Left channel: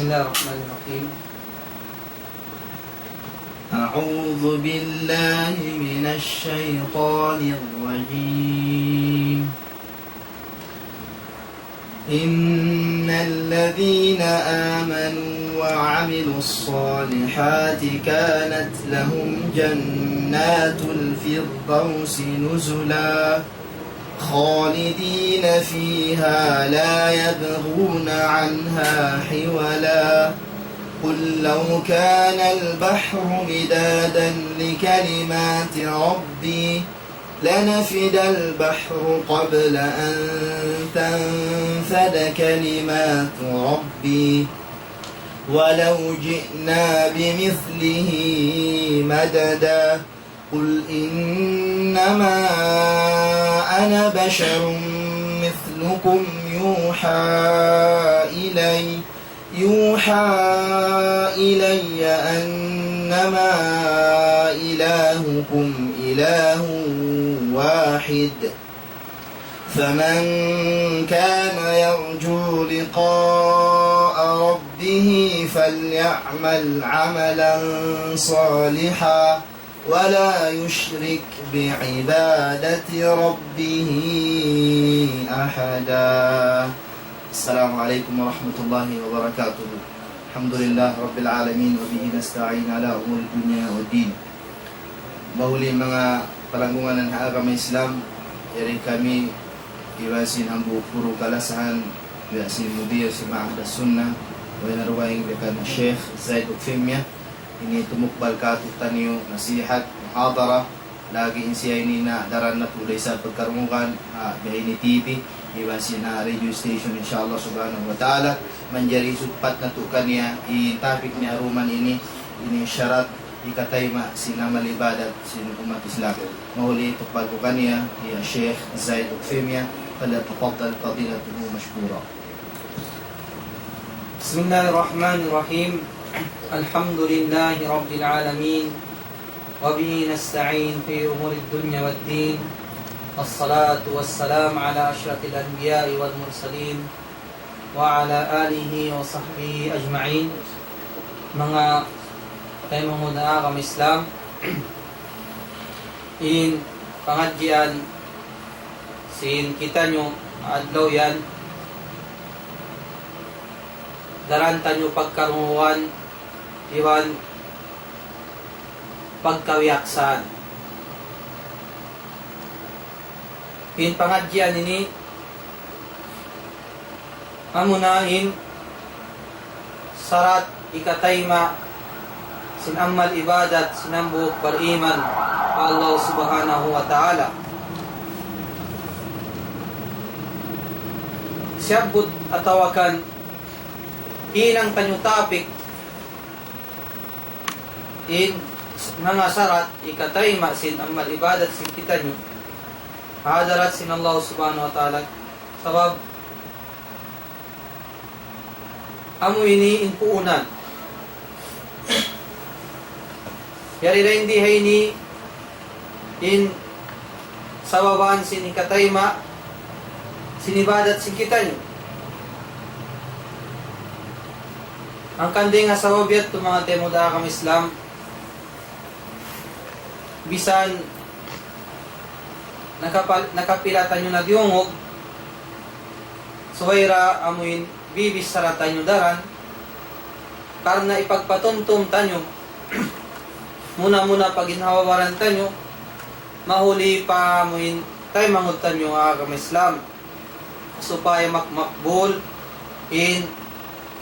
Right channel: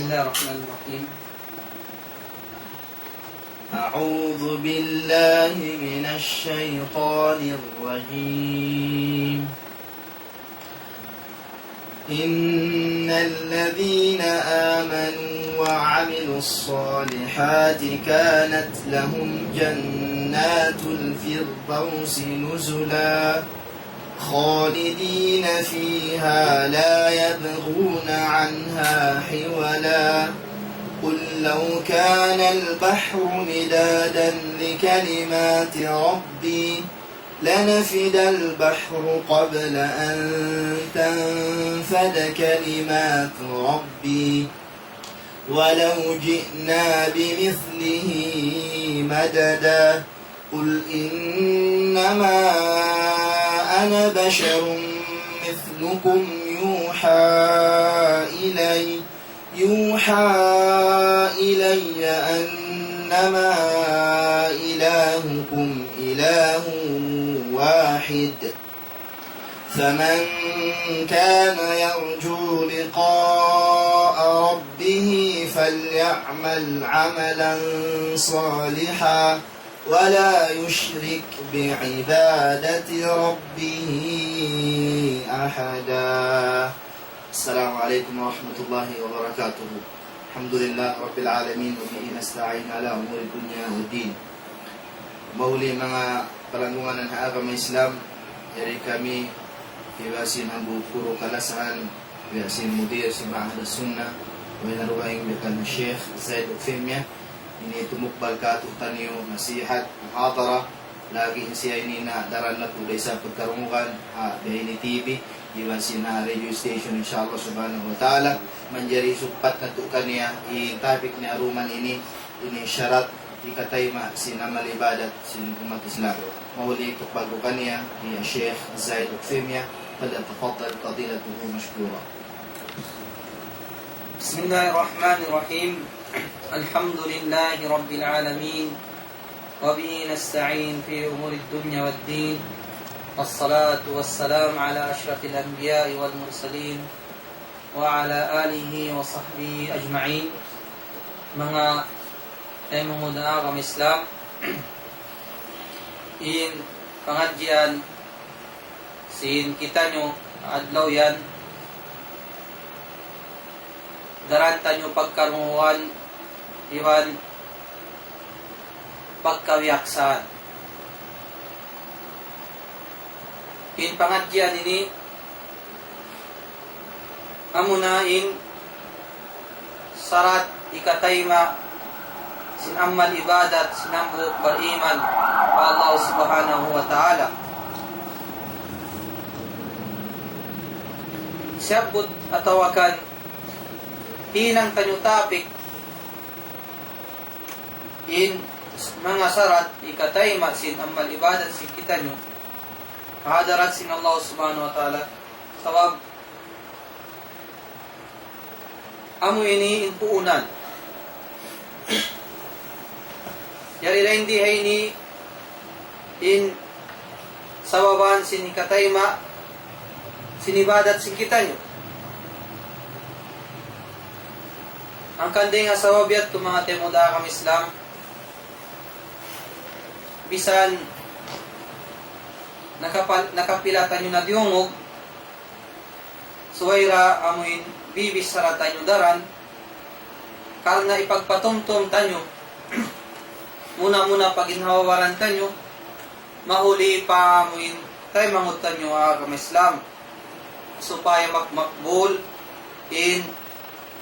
بسم الله الرحمن الرحيم. أعوذ بالله من الشيطان الرجيم. إن الذين آمنوا وعملوا الصالحات كانت لهم جنات الفردوس نزلا خالدين فيها لا يبغون عنها حولا قل لو كان البحر مدادا لكلمات ربي لنفد البحر قبل أن تنفد كلمات ربي ولو جئنا بمثله مددا قل إنما أنا بشر مثلكم يوحى إلي أنما إلهكم إله واحد فمن كان يرجو لقاء ربه فليعمل عملا صالحا ولا يشرك بعبادة ربه أحدا. السلام عليكم ورحمة الله وبركاته. الحمد لله رب العالمين وبه نستعين على أمور الدنيا والدين. Bahuli mga paranggungan ng agama Islam, dari kami iwasin ang puro kalasahan, iwasin mudir sa mga sunnah, wa naruwaing dekat Syekh Zaid Ufimya. Ini tumukbal katutan niyo nasihat, muhatara, lagi siya ini na daran na tulay sa pagkarungukan, dahil ni TV, iwasin na radio station insyaAllah subhanahu wa ta'ala, manjari supat na tukan niya, i-topic niya aruman ini syarat, ikatayma sinamal ibadat sin umat Islam. Mahuli ito pagkukan niya, ya Sheikh Zaid Ufimya, falyatafaddal fadilatuhu mashkura. Bismillahirrahmanirrahim. Alhamdulillahi Rabbil Alamin. Wabihi nasta'in fi umuri dunya wad din. Wassalatu wassalam ala asyrafil anbiya'i wal mursalin wa ala alihi wa sahbihi ajma'in. Mga tayo mga agama Islam, in pengajian sin kita nyo adlaw yan daranta nyo pagkarunguan iwan pagkawiaksan. In pengajian ini amunahin syarat ikatayma sin amal ibadat sinambuk beriman pa Allah subhanahu wa ta'ala. Siyabot atawakan inang tanyo topic in mga syarat ikatayma sin amal ibadat sin kita nyo hadarat sin Allah subhanahu wa ta'ala sabab amo ini inpuunan yari na hindi hay ni in sababan sin ikatayma sinibadat sin kita nyo ang kanday nga sababyat ito mga temuda kami Islam bisan nakapilatan nyo nagyungog suwayra amuin bibis saratan nyo daran karena ipagpatumtum tanyo muna paginhawaran tanyo mahuli pa amuin tayo mangutan nyo agama Islam supaya makbul in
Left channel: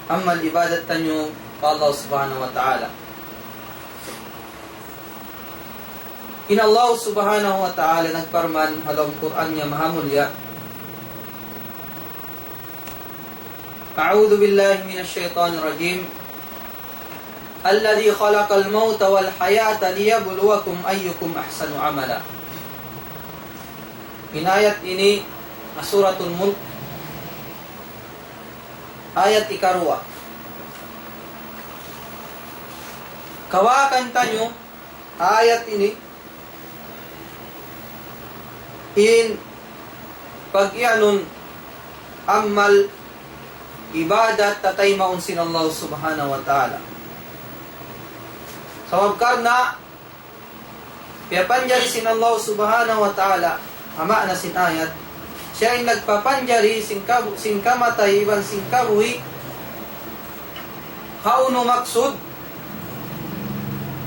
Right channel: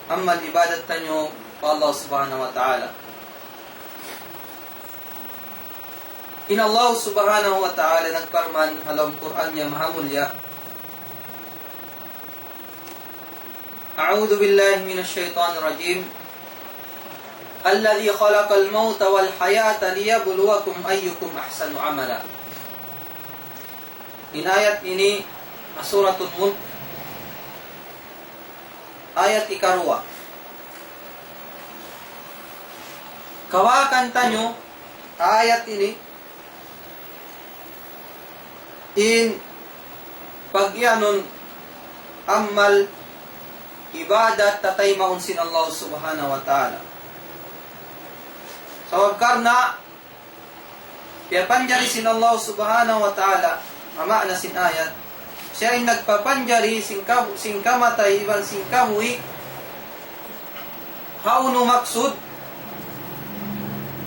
amal ibadat tanyo pa Allah subhanahu wa ta'ala. In Allah subhanahu wa ta'ala nagparman halam Quran niya mahamulya. A'udhu billahi minash shaitanir rajim. Alladhi khalaqal mauta wal hayata liyabluwakum ayyukum ahsanu amala. In ayat ini suratul Mulk ayat ikarwa. Kawakan tanyo ayat ini in pagyanon amal ibadat tatay maun sin Allah subhanahu wa ta'ala. Sabab karna piyapanjari sin Allah subhanahu wa ta'ala, ama na sin ayat, siya ay nagpapanjari sin kamatay iban sin kabuhi haunu maksud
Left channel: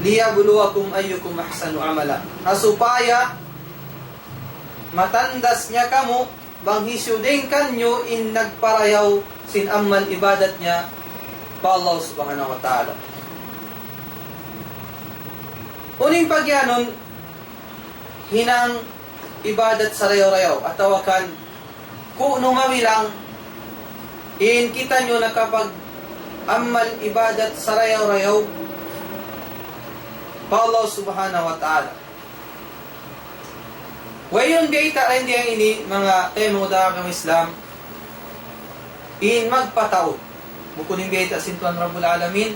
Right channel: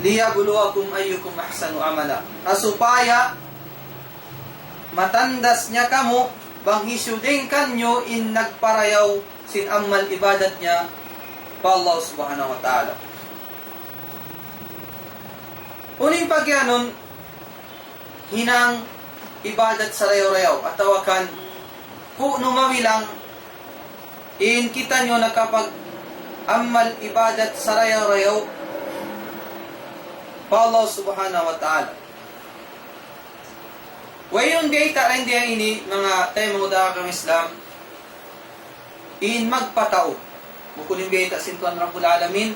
liyabluwakum ayyukum ahsanu amala, na supaya matandas niya kamu bang hisudin kanyo in nagparayaw sin amal ibadat niya pa Allah subhanahu wa ta'ala. Uning pagyanon hinang ibadat sa rayaw-rayaw at tawakan kung mawilang in kita nyo na kapag amal ibadat sa rayaw-rayaw pa Allah subhanahu wa ta'ala. Wayon biyita ay hindi ang ini mga tayo mga utara kang Islam in magpatao bukunin biyita sintuan Rabbul Alamin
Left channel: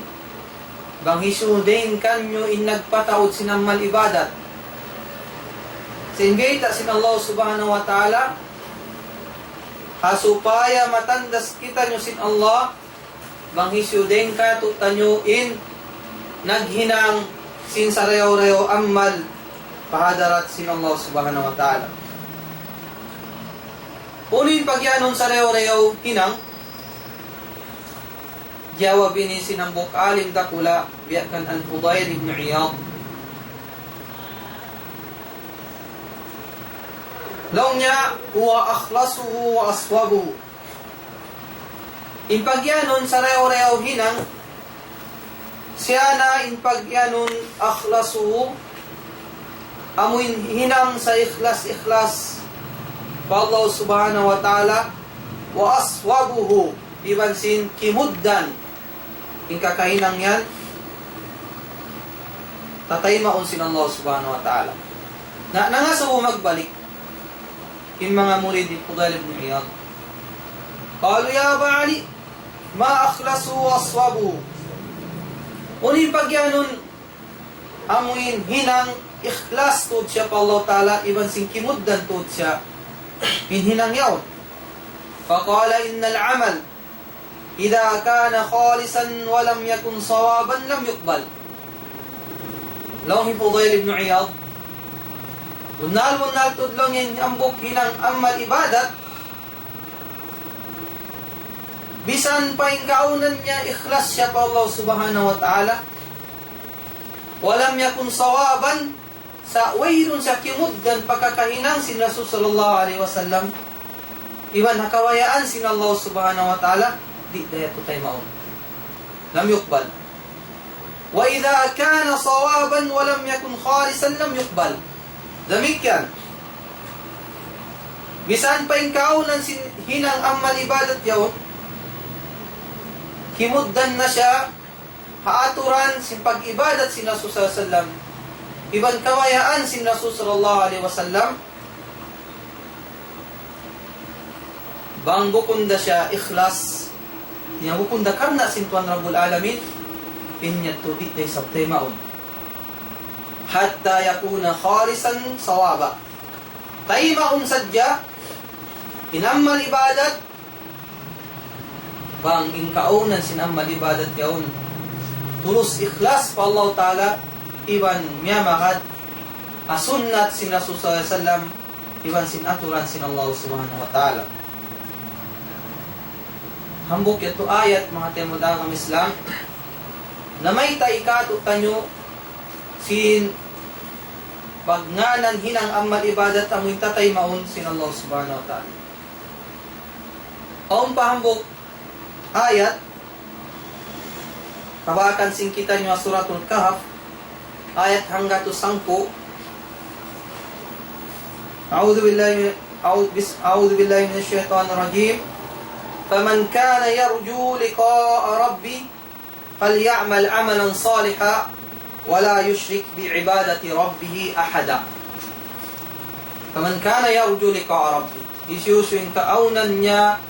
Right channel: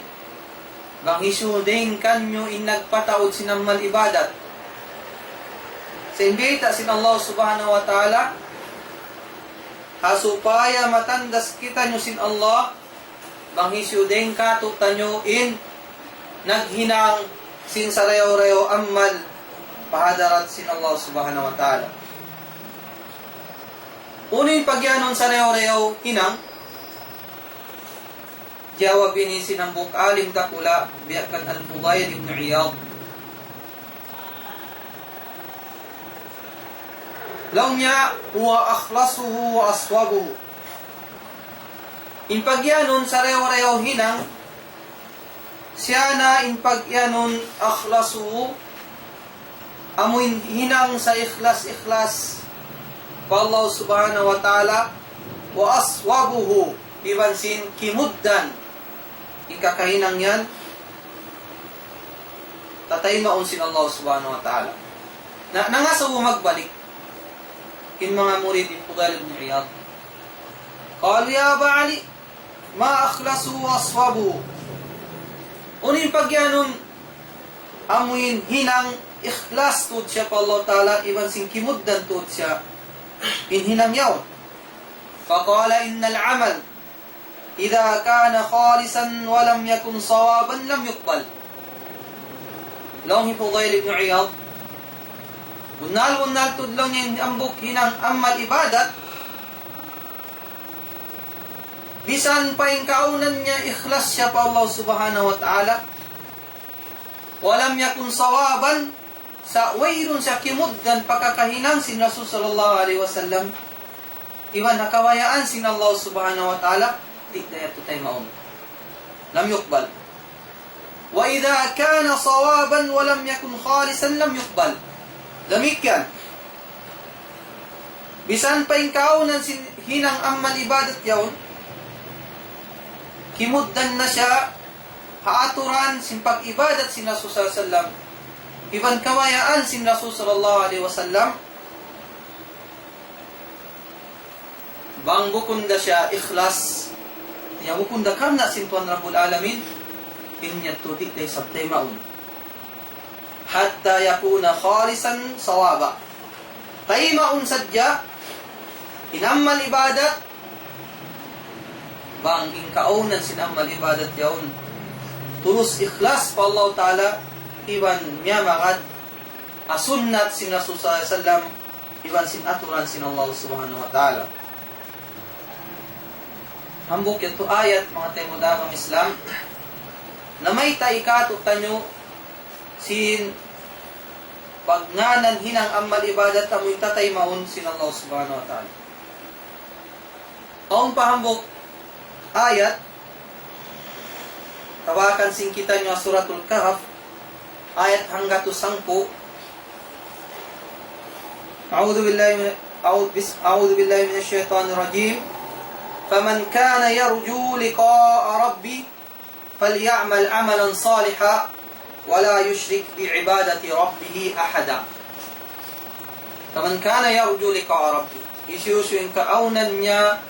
bang isudin kanyo in nagpataod sinamal ibadat sin biyita sin Allah subhanahu wa ta'ala hasupaya matandas kita nyo sin Allah bang isudin ka tutanyo in naghinang sin sarayaw-rayaw amal pahadarat sin Allah subhanahu wa ta'ala. Unin pagyanon sa rayaw-rayaw hinang jawab ini sinambok alim dakula biyakan al-Fudayl ibn Iyad. Laumnya huwa akhlasuhu wa aswabuhu. Impagyanon sa rayaw-rayaw hinang siya na impagyanon akhlasuhu amuin hinang sa ikhlas pa Allah subhanahu wa ta'ala wa aswabuhu iban sin kimuddan in kakahinang yan tatay maun sin Allah subhanahu wa ta'ala na nangasaw magbalik in mga murid ni Fudayl ibn Iyad qalu ya Aba Ali ma akhlasu wa aswabuhu unin pagyanon amuin hinang ikhlas tud siya pa Allah ta'ala iban sin kimuddan tud siya hinhinang yaon faqala innal amal idha kana khalisan wa lam yakun sawaban lam yuqbal. Long Fudayl ibn Iyad unal tudlong yung ambok hinang amal ibadat bisan pa yung kaunan niya ikhlas siya pa Allah subhanahu wa ta'ala walam yakun sawaban sa wayron siya kimuddan pagkakahinang sin Rasul sallallahu alaihi wasallam iwan nakawayaan sin Allah subhanahu wa ta'ala di daya putay maun lam yuqbal wa idha kana sawaban wa lam yakun khalisan lam yuqbal damikyan bisan pa yung kaunan sin hinang amal ibadat yaw kimuddan na siya haaturan sin pag-ibadat sin Rasul sallallahu alaihi wasallam iban kawayaan sin Rasul sallallahu alaihi wasallam bang bukunda siya ikhlas niya bukunda karna sin Tuhan Rabbul Alamin inya tudit day sabtay maun hatta yakuna khalisan sawaba tay maun sadya inamal ibadat bang inkaunan sin amal ibadat yaun tulus ikhlas pa Allah ta'ala iban miya magad asunnat sin Rasul sallallahu alaihi wasallam iban sin aturan sin Allah subhanahu wa ta'ala. Hambok ito ayat mga temoda kang Islam na may taikato tanyo sin pagnganan hinang amal ibadat amoy tatay maun sin Allah subhanahu wa ta'ala. Aung pahambok ayat kawakan sing kita nyo suratul Kahf ayat hangga to 10 A'udzu billahi minasyaitonir rajim faman kana yarju liqa'a rabbi falyamal 'amalan salihan wa la yushrik bi'ibadati rabbih ahada. Faman kana yarju liqa'a rabbi isyusyuin kaunan niya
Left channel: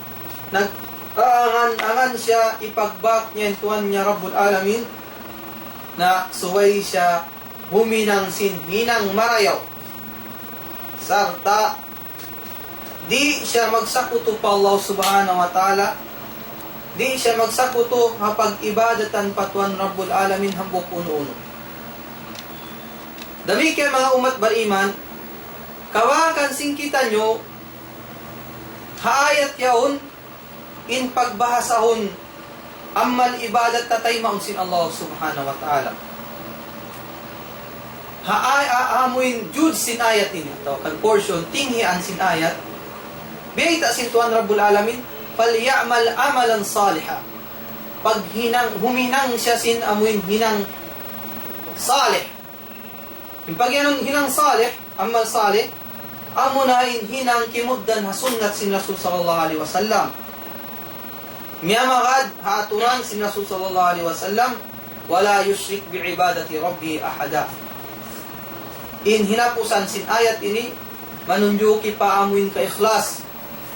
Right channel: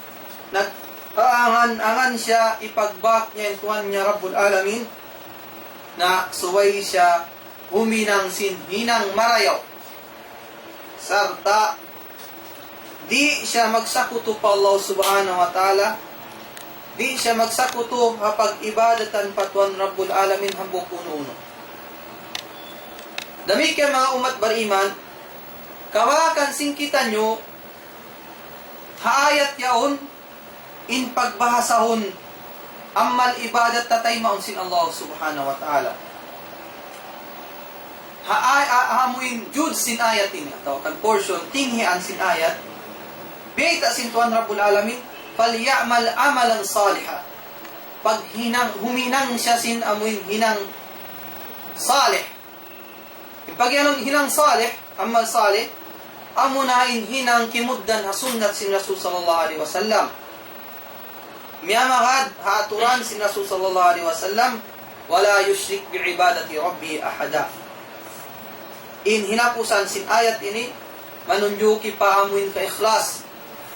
nag-angan siya ipagbak niya Tuhan niya Rabbul Alamin na suway siya huminang sinhinang marayaw sarta di siya magsakuto pa Allah subhanahu wa ta'ala di siya magsakuto kapag ibadatan patuan Rabbul Alamin hambok uno-uno. Dami kay mga umat bariman, kawakan singkita nyo, haayat yaon, in pagbahasahon, ammal ibadat tatay maunsin Allah subhanahu wa ta'ala. Amuin jud sin ayat ini atau kan portion tinghian sin ayat beita sin Tuhan Rabbul Alamin falyamal amalan salihah pag huminang siya sin amuin hinang salih yung pag yanon hinang salih amal salih amunain hinang kimuddan hasunat sin Rasul sallallahu alaihi wasallam miyamagad haatuan sin Rasul sallallahu alaihi wasallam wala yushrik biibadati rabbi ahada. In hinapusan sin ayat ini manunjuki pa amuin ka ikhlas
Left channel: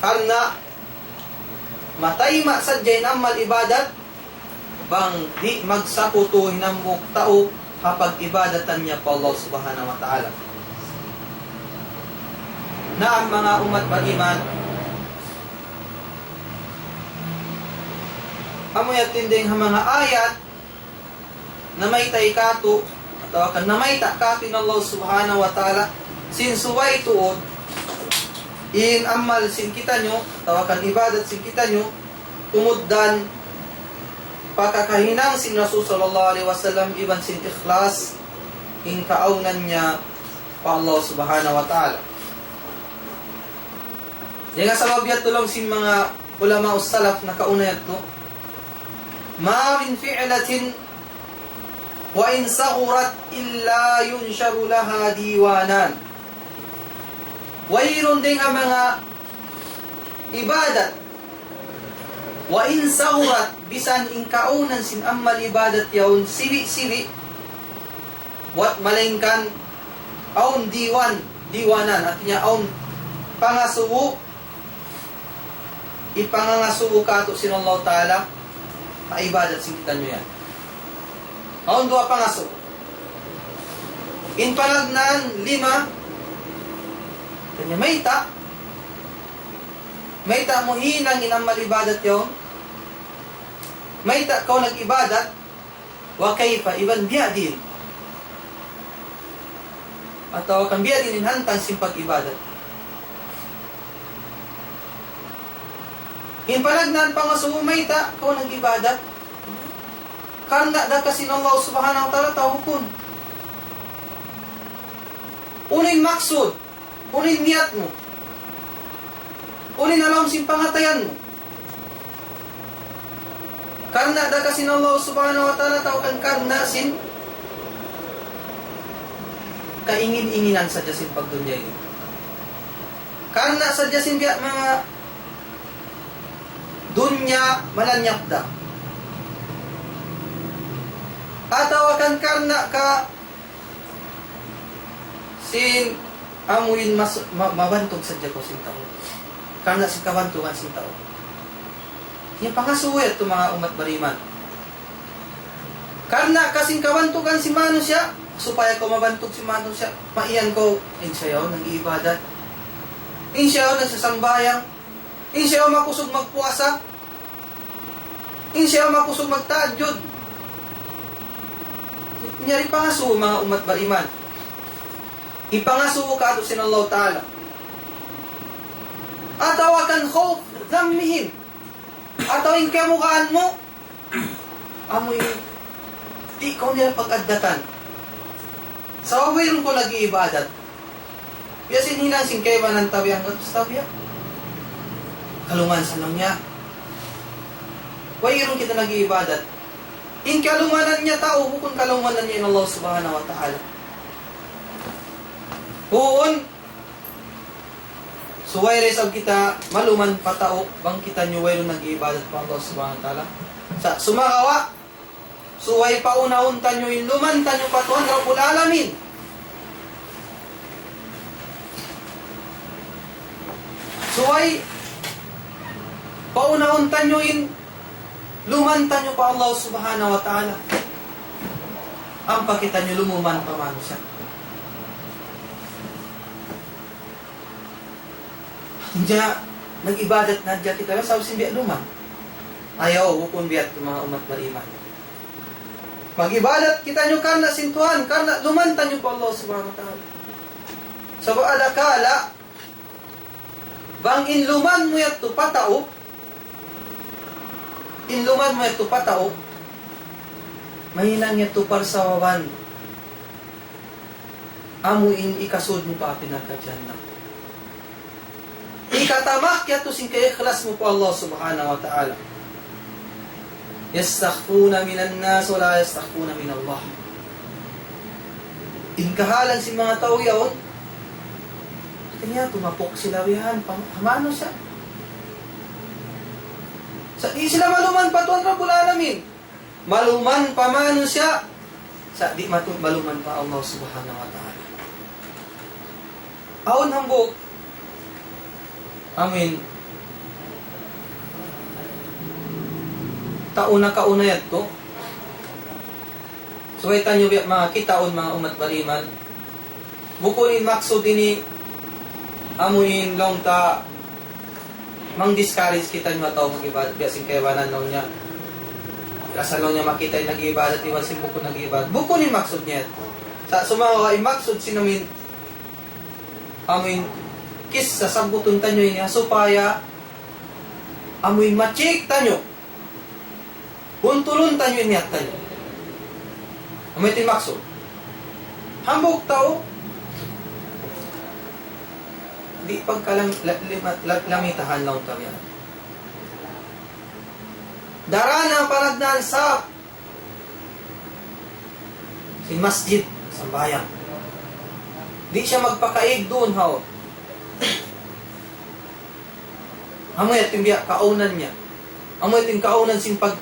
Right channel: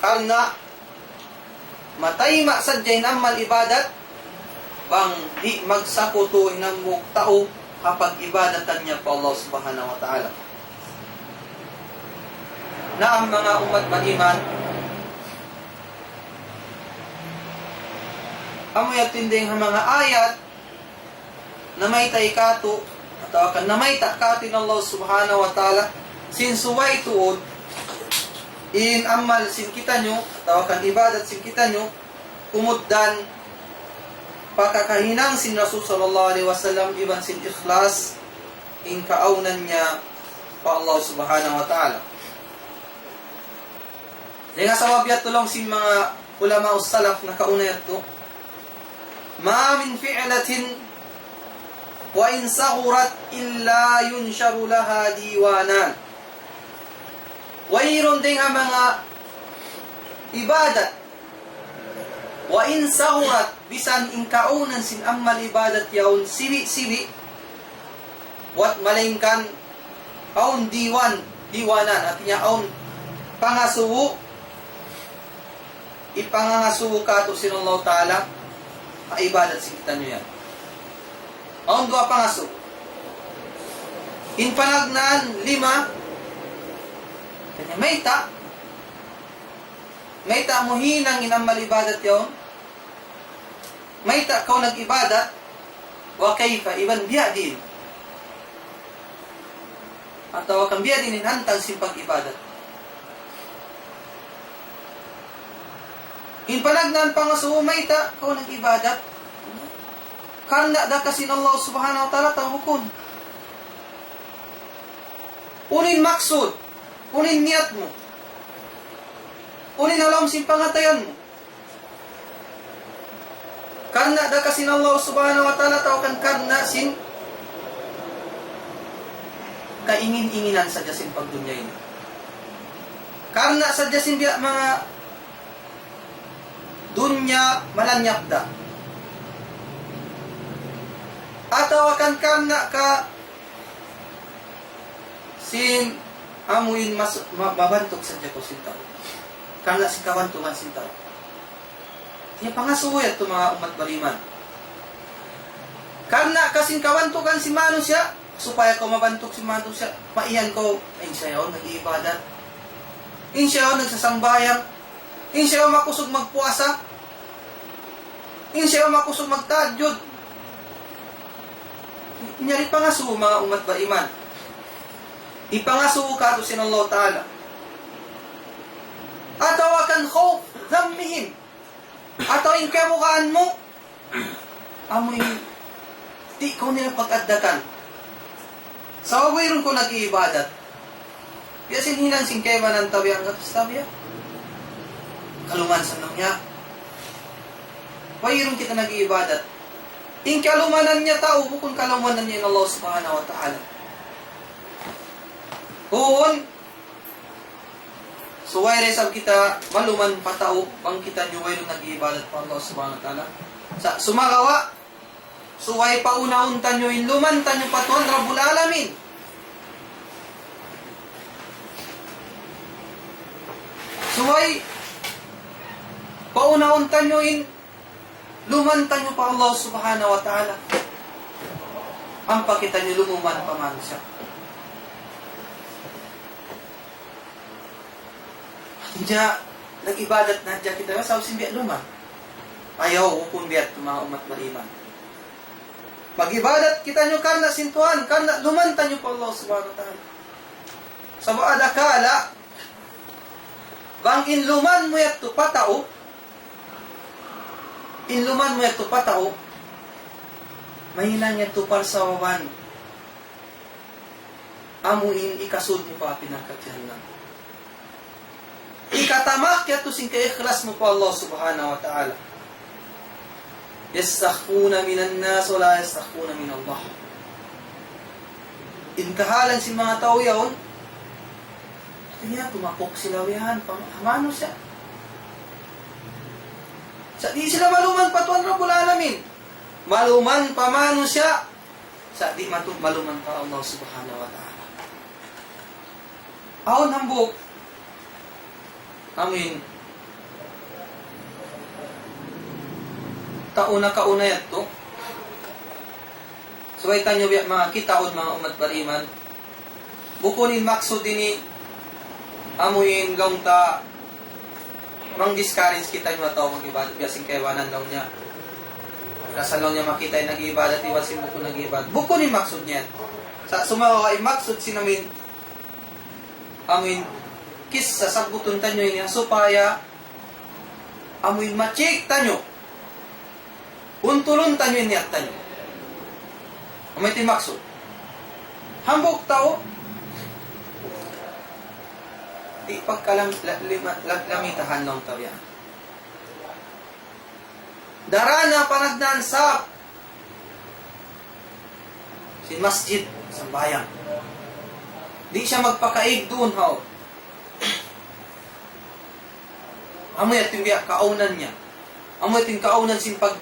karena matay masadyain amal ibadat bang di magsakuto hinambok tao kapag ibadatan niya pa Allah subhanahu wa ta'ala. Na ang mga umat bariman amoy atinding mga ayat na may taikato tawakan na may takatin Allah subhanahu wa ta'ala sinsuway tuod in amal sin kita nyo tawakan ibadat sin kita nyo umuddan pakakahinang sin Rasul sallallahu alaihi wasallam iban sin ikhlas in kaaunan niya pa Allah subhanahu wa ta'ala. Kaya sa wabyat tulong sin mga ulama o salaf na kauna yato ma min fi'latin wa in sagurat illa yunsharu laha diwanan. Wayron ding ang mga ibadat wa in sagurat bisan in kaunan sin amal ibadat yaun siri-siri wat malingkan aun diwanan artinya aun pangasubo ipangangasubo ka to sin Allah Ta'ala maibadat sin kita nyo yan. Aun dua pangaso. In palagnaan 5 kanya mayta mo hilang inamal ibadat yon. Mayta kau nag-ibadat wa kayfa iban biya din. Atau kang biya din hantang simpag ibadat. In palagnaan pangaso mayta kau nag-ibadat karena da kasin Allah subhanahu wa ta'ala tawukun. Unin maksud, unin niat mo, unin alam sin pangatayan mo. Karena da kasin Allah subhanahu wa ta'ala tawakan karena sin kaingin-inginan saja sin pagdunya ini. Karena saja sin biya mga dunya mananyakda. Atau akan karena ka sin amuin mabantog saja ko sin tao. Karena si kawantungan sin tao. Yung pangasuwet to mga umat bariman. Karena kasing kawantungan si manusia supaya ko mabantog si manusia maiyan ko insyaw nag-iibadat. Insyaw nagsasambayang. Insyaw makusog magpuasa. Insyaw makusog magtaadyod. Nyari pangasu mga umat bariman. Ipangasu ka to sin Allah Ta'ala. Ataw akan khawf dhammihim. Ataw yung kamukaan mo amoy di ko nila pag-addatan. Sa wawirong ko nag-iibadat. Yasin hilang sing kayo ba ng tabiyang tabiya? Kaluman sa nang niya. Wawirong kita nag-iibadat. In kalumanan niya tao, bukod kalumanan niya in Allah subhanahu wa ta'ala. Huon, so why resab kita maluman pa tao, bang kita nyo wayro nag-iibadat pa Allah subhanahu wa ta'ala. Sa sumagawa, so why pauna-unta nyo in lumanta nyo patuan Rabbul Alamin. So why pauna-unta nyo in lumanta nyo pa Allah subhanahu wa ta'ala. Ang pakita nyo lumuman pa man siya. Diya, nag-ibadat na diya kita. Sabi simbiya luman. ayaw hukun biat mga umat beriman. Mag-ibadat kita nyo karena sintuan, karena lumantan nyo pa Allah subhanahu wa ta'ala. So ada kala, bang inluman mo yato patao, inluman mo yato patao, mahinang yato parsawawan, amuin ikasud mo pa pinagkadyan lang. Ikatamak yato sing kaikhlas mo pa Allah subhanahu wa ta'ala. Yastakhuna minan nas wala yastakhuna min Allah. Inkahalan si mga tao yaon, kaya tumapok sila wihan, hamano siya. Sa di sila maluman patuan Rabbul Alamin. Maluman pamano siya. Sa di maluman pa Allah subhanahu wa ta'ala. Aon hambog. Amin. Kauna yan to. So ay kanyo mga kitaon mga umat baliman. Bukunin maksud ini amuin long ta mang discourage kita nyo ataw mag-ibadat biasing kaiwanan lang niya. Rasa lang niya makita yung nag-ibadat iba si buko nag-ibadat. Bukunin maksud niya. Sa sumawa ay maksud sinamin amuin kis sa sambuton tanyo niya supaya amuin machik tanyo. Buntulun tanyo iniyat tanyo. May timaksud. Hambog tao. Di pagkalang lamitahan lang tabihan. Daraan ang panagdaan sa sin masjid sa bayan. Di siya magpakaig doon ho. Amoy at yung kaunan niya. Amoy at yung kaunan sin pag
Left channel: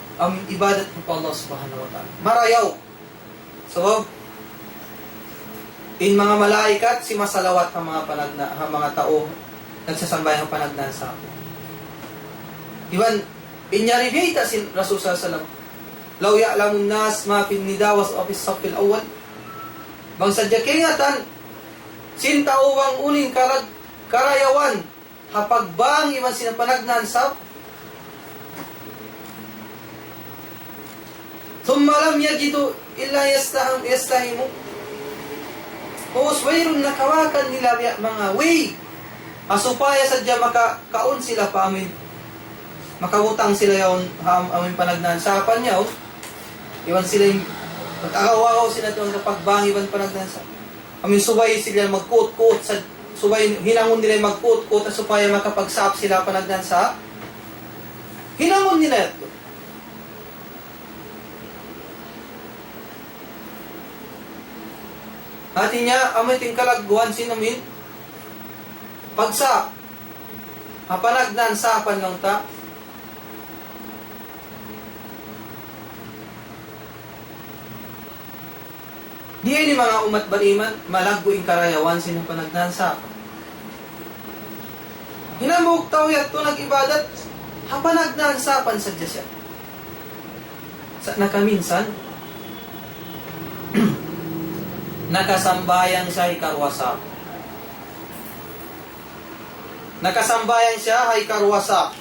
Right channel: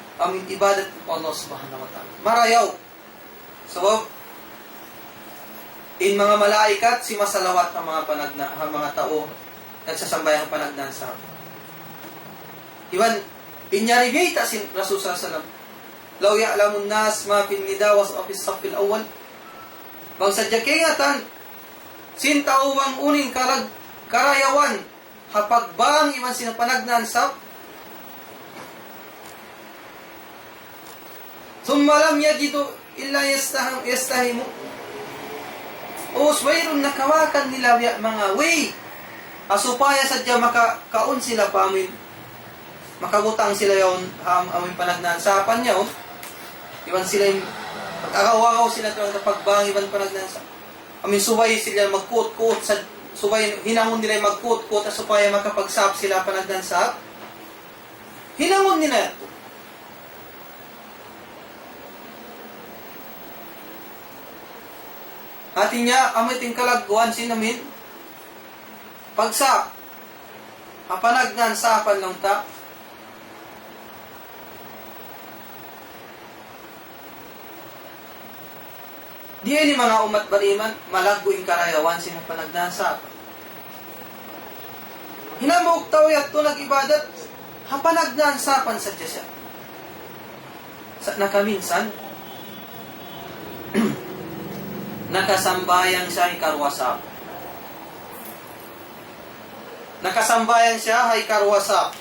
ibadat mo Allah subhanahu wa ta'ala. Marayaw. So, in mga malaikat, si masalawat ang mga tao nagsasambayang panagdaan sa ako. Iwan, inyaribita si Rasul sallallahu alaihi wasallam. Law ya'lamun nas ma fin nidawas o fis safil awal. Bang sadya kingatan, sin tauwang uning karayawan, hapagbang iwan sinapanagdaan sa Thumma lam yajidu illa yastahimu. Wayrun nakawakan nila mga way. Supaya sadya makakaon sila pa amin. Makabutang sila yung amin panagnaan sa apan niya. Iwan sila yung pagkakawaw sila ito sa pagbangiban panagnaan sa amin suway sila magkut-kut sa suway hinangon nila magkut-kut na supaya makapagsap sila panagnaan sa hinangon nila ito. Atin niya, amoy ting kalagguan sinamin. Pagsa, hapanagdan sapan lang ta. Diya ni mga umat bariman, malaggo yung karayawan sinong panagdan sapan. Hinamuk tao yato nag-ibadat, hapanagdan sapan sa Diyasya. Sa nakaminsan, nakasambayan siya ikarwasa. Nakasambayan siya ikarwasa.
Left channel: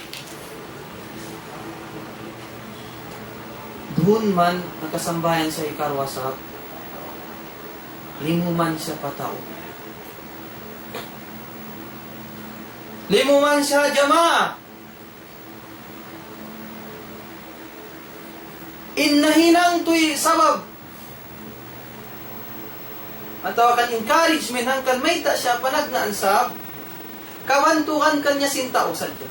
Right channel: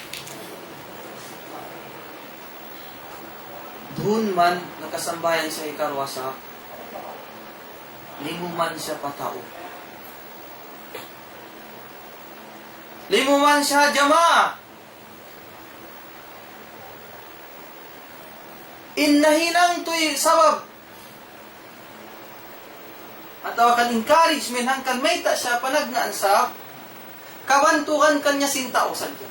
Doon man nakasambayan siya ikarwasa. Limuman siya patao. Limuman siya jamaah. Innahinang tuy sabab atau akan encouragement hangkan may ta siya panagnaan sa kawantukan kanya sinta o sadya.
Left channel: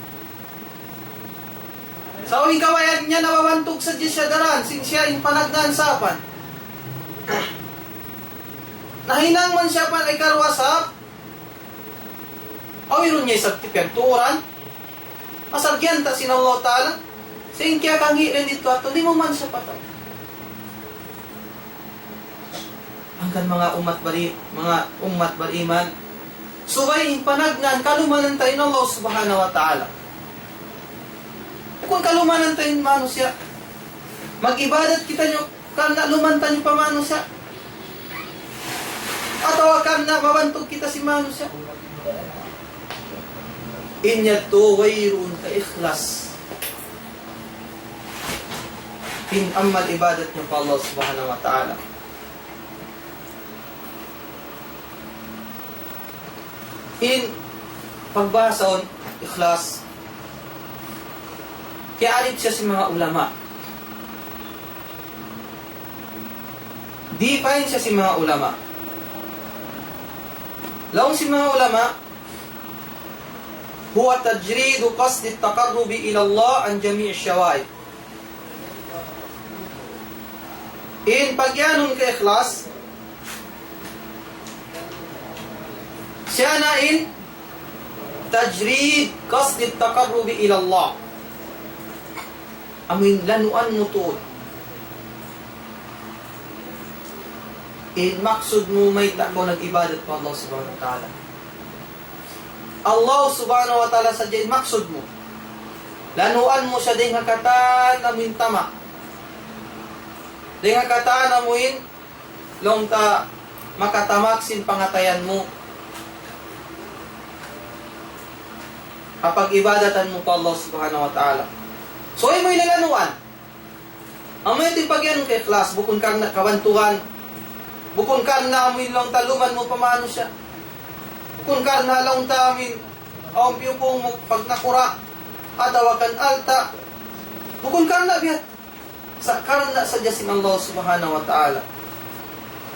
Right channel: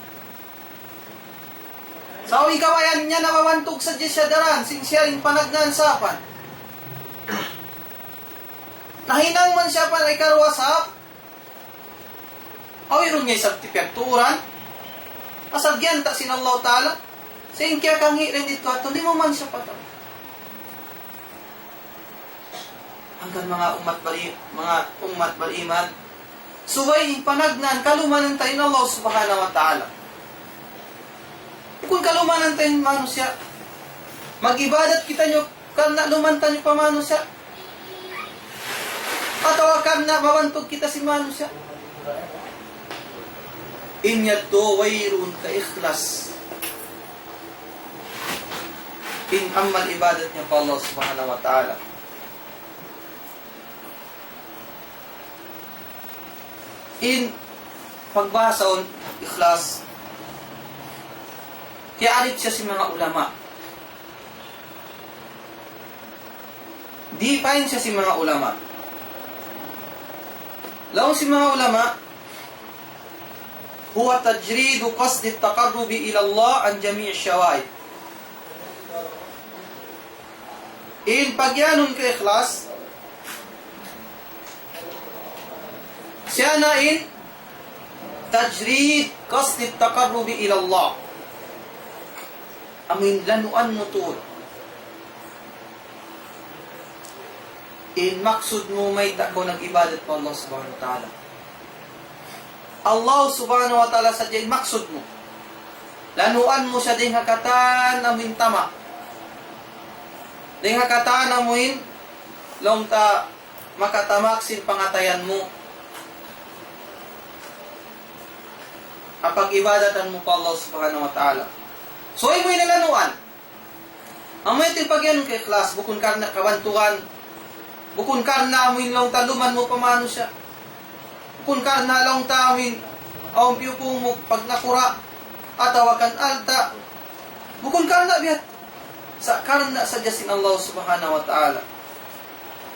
Sa uwi kawayan niya nawawantog sadya siya daran sin siya yung panagnaan sapan. Nahinang man siya pa ay karwasap o yun niya sa tipemturan asagyan ta sin Allah Ta'ala sa inkya kang hirin dito at hindi mo man siya pataw. Hanggang mga umat bariman subay panagnan kalumanan tayo ng Allah subhanahu wa ta'ala. Kung kalumanan tayo manusia mag-ibadat kita nyo karena lumantan nyo pa manusia atau karena mawantog kita si manusia inya to wayrun ka ikhlas Amal ibadat niyo pa Allah subhanahu wa ta'ala. In pagbasa ikhlas, kaya alit siya sa mga ulama. Di pa siya sa mga ulama. Laong si mga ulama, huwa tajridu qasd at-taqarrub ila Allah an jami' ash-shawa'ib. In pagyanong ka ikhlas, siya na in tajrid qasd at-taqarrub ila Allah. Amin lanuan mo to. In maksud mo may takbo nag-ibadat po Allah subhanahu wa ta'ala. Allah subhanahu wa ta'ala sa dyan maksud mo. Lanuan mo siya din hakatan na mintama. Din hakatan na muin long ta makatamaksin pangatayan mo. Kapag ibadatan mo pa Allah subhanahu wa ta'ala. So, ay mo lanuan. Ang may tipagyan kay class, bukon ka na kabantugan, bukon ka na amin lang taluman mo pamano siya. Bukon ka na lang tamin, ang piyupong mo pag nakura, atawakan alta. Bukon ka na bihat. Sa karna sa jasin Allah subhanahu wa ta'ala.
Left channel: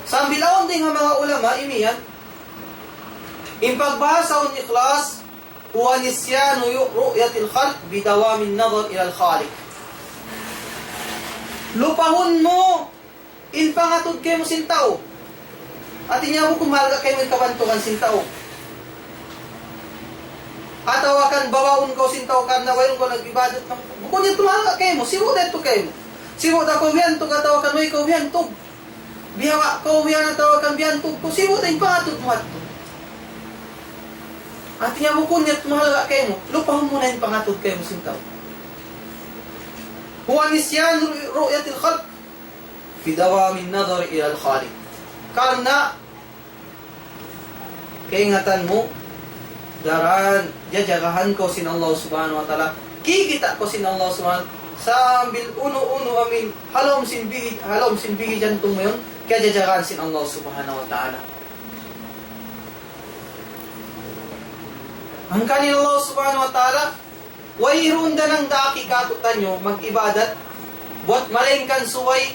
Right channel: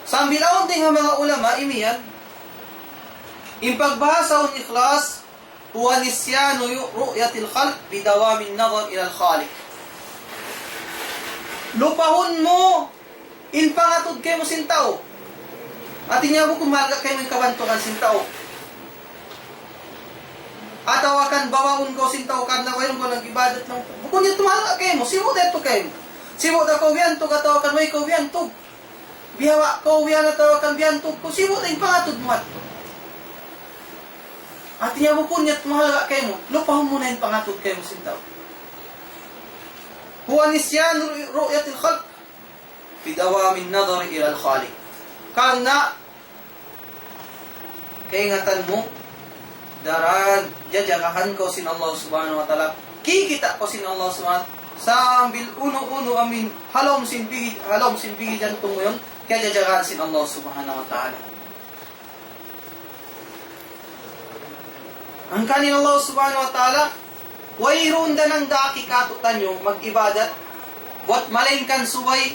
Sa bilaon din ng mga ulama, imiyan, ipagbasa ang ikhlas, huwa nisyanu ru'yatil khalq bidawamin nazar ila al-khaliq. Lupahon mo in pangatod kayo mo sintaw. At inya mo kung malga kayo may kabantungan sintaw. At awakan bawaon ko sintaw kad na wayon ko nag-ibadat ng bukod niya tumalga kayo mo. Siwo dito kayo. Siwo da ko wiyan to katawakan mo ikaw wiyan to. Bihawa ko wiyan na tawakan wiyan to. Siwo da yung pangatod mo at to. At iya mo kung niya't mahalaga kayo mo, lupahon mo na yung pangatod kayo mo sintaw. Huwa nisyan ru'yatil khalq bidawamin nazar ila al-khaliq. Karena kaingatan mo daran jajagahan ko sin Allah subhanahu wa ta'ala. Kikita ko sin Allah subhanahu wa ta'ala. Sambil uno-uno amin halom sin bigi jantong mo yun, kaya jajagahan sin Allah subhanahu wa ta'ala. Ang kanin Allah subhanahu wa ta'ala, wayroon na lang daaki katutan nyo, mag-ibadat, buat malingkan suway,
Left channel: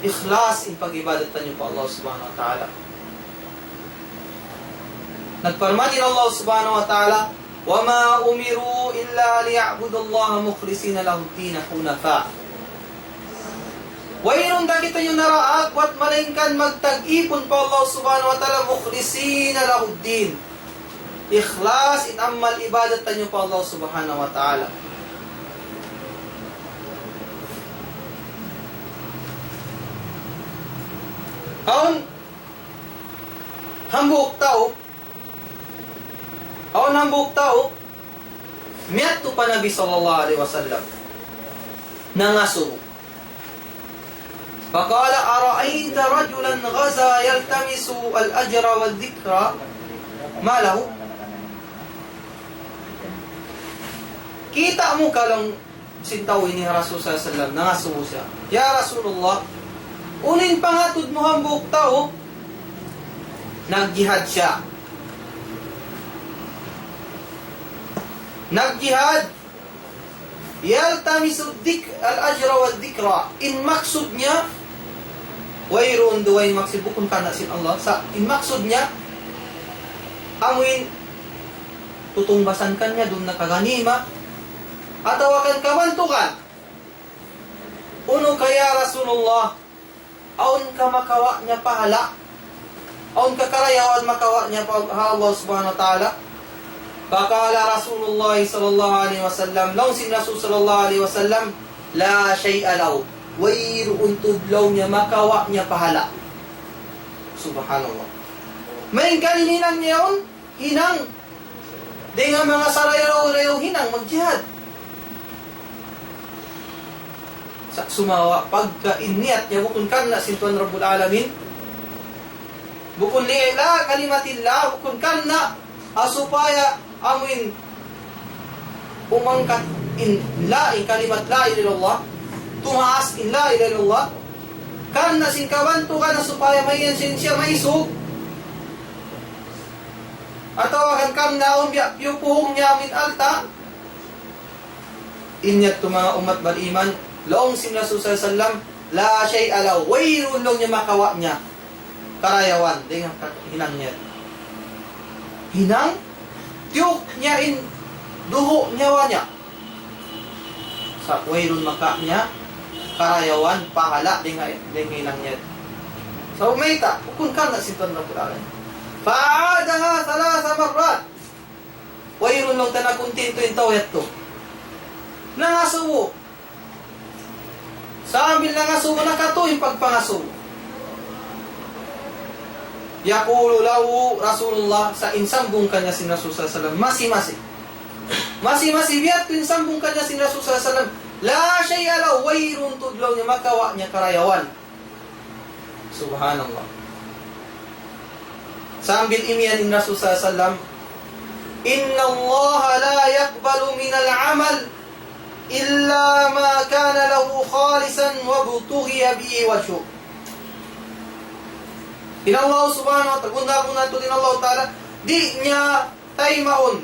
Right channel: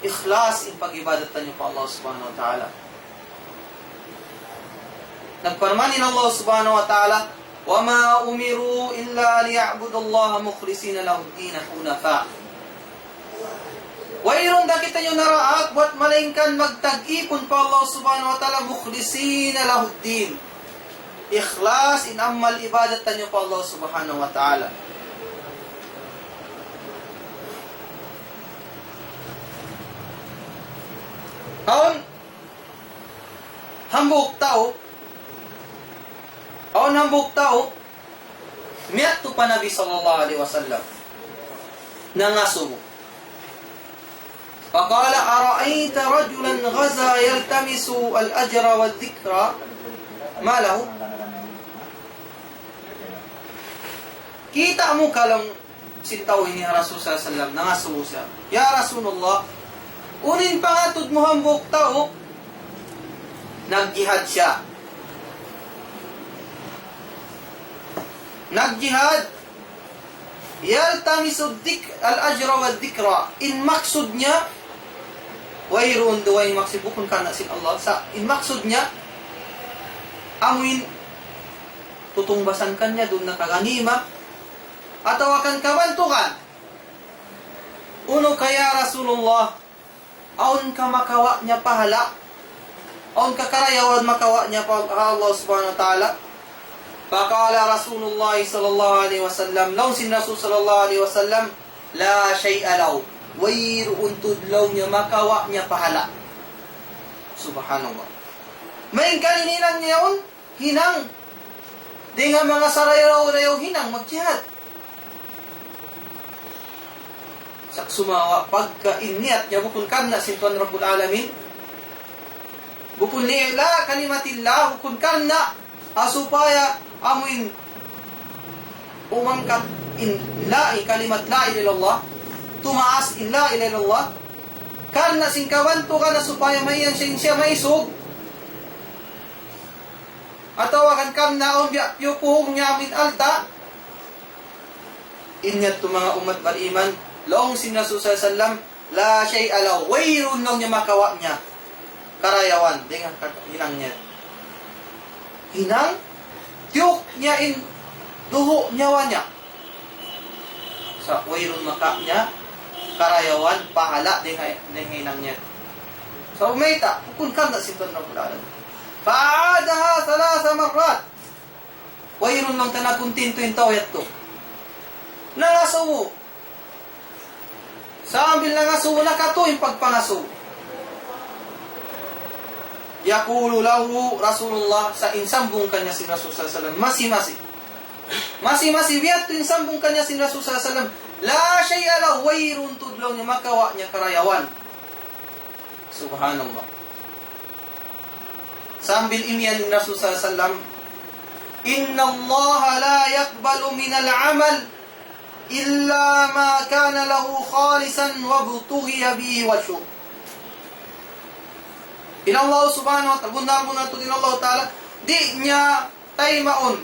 ikhlas in pag-ibadatan nyo po Allah subhanahu wa ta'ala. Nagparmanin Allah subhanahu wa ta'ala, وَمَا أُمِرُوا إِلَّا لِيَعْبُدُ اللَّهَ مُخْلِصِينَ لَهُ الدِّينَ حُنَفَاءَ. Wayroon dagita nyo naraag, buat malingkan magtag-ipon po Allah subhanahu wa ta'ala, مُخْلِصِينَ لَهُ الدِّينَ. Ikhlas in amal ibadatan niyo po Allah subhanahu wa ta'ala. Aon hambuk tao miyat pa Nabi sallallahu alaihi wasallam nangasu. Faqala ara'aita rajulan ghaza yaltamisu al-ajra wal-dhikra ma lahu. Kita mo ka lang sintawin ni Rasul sallallahu alaihi wasallam nangasu siya. Ya Rasulullah, unin pangatod mo hambuk tao, nagjihad siya. Nagjihad, yaltamisu al-ajra wal-dhikra. In maksud niya, wayroon duway maksud bukon ka na sin Allah. Sa in maksud niya, amuin, tutungbasan ka niya, doon nakaganima, at awakan kamantukan. Uno kaya Rasulullah, aun ka makawa niya pahala, aun ka karayawan makawa niya pa Allah subhanahu wa ta'ala. Bakala Rasulullah sallallahu alaihi wasallam, law sin Rasul sallallahu alaihi wasallam, la syai'a law, wayroon tudlaw niya makawa niya pahala. Subhanallah. May kalinginan niya yun, hinang. Dengan mga sarayaw-rayaw hinang magjihad. Sa sumawa pagka-iniyat niya bukun karna sintuan Rabbul Alamin, bukun li'ila kalimatillah, bukun karna asupaya amuin umangkat in la'i kalimat la ilallah, tumaas in la ilaha illallah, karena singkawan to kana supaya may siya may isog, atau akan karena biya yupuhong niya min alta, inyat to mga umat beriman, laong sin Rasul sallam, la syai'a law, wayrun lang niya makawa niya, karayawan, dengan hinang niya. Hinang, tiyok niya in, duho nyawa niya. Sa wayrun maka niya, karayawan, pahala, dengan hinang niya. Sa umayta, kung ka na simpan na pulalan. Fa'adaha salasa marrat. Wayrun lang tanakuntin to yung tawet to. Nangasuwo. Sa ambil nangasuwo, nakato yung pagpangasuwo. Yaqulu lahu Rasulullah, sa insambung kanya si Rasul sallallahu alaihi wasallam, masih biat tu insambung kanya si Rasul sallallahu alaihi wasallam, la syai'a lahu, wayrun tudlaw niya makawa niya karayawan. Subhanallah. Sambil imian Rasul sallallahu alaihi wasallam, inna Allah la yaqbalu min al-amal illa ma kana lahu khalisan wa butughiya bihi wajhu. In Allah subhanahu wa ta'ala, bundar-bundar ito din Allah ta'ala, di niya tayo maun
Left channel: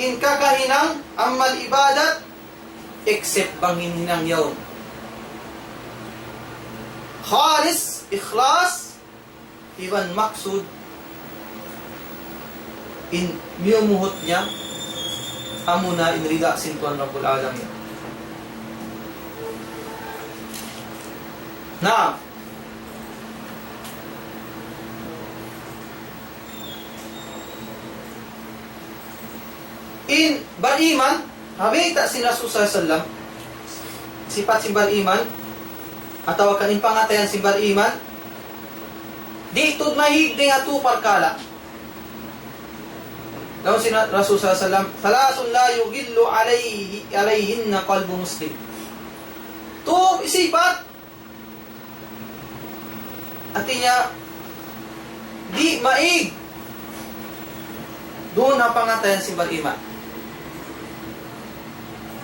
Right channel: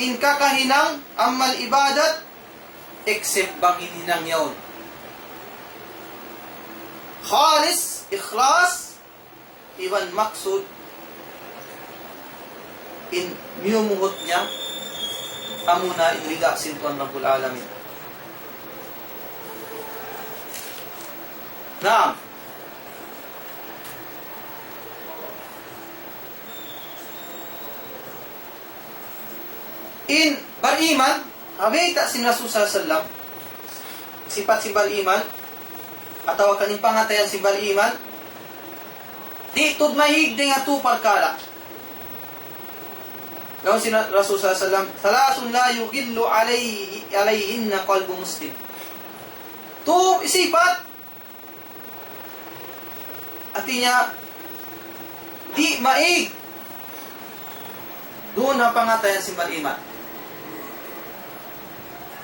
in kakahinang amal ibadat except bang hinang yawn. Khalis, ikhlas, iban maksud in miumuhot niya amuna in rida sintuan Rabbul Alamin. Naam. In beriman, habita si Rasul sallallahu alaihi wasallam, sifat si beriman, atau kanin pangatayan si beriman, di tud mahigde nga tu parkala. Daw si Rasul sallallahu alaihi wasallam, salasun la yugillu alayhinna qalbu muslim. Tu sifat, artinya di maig, doon ang pangatayan si beriman.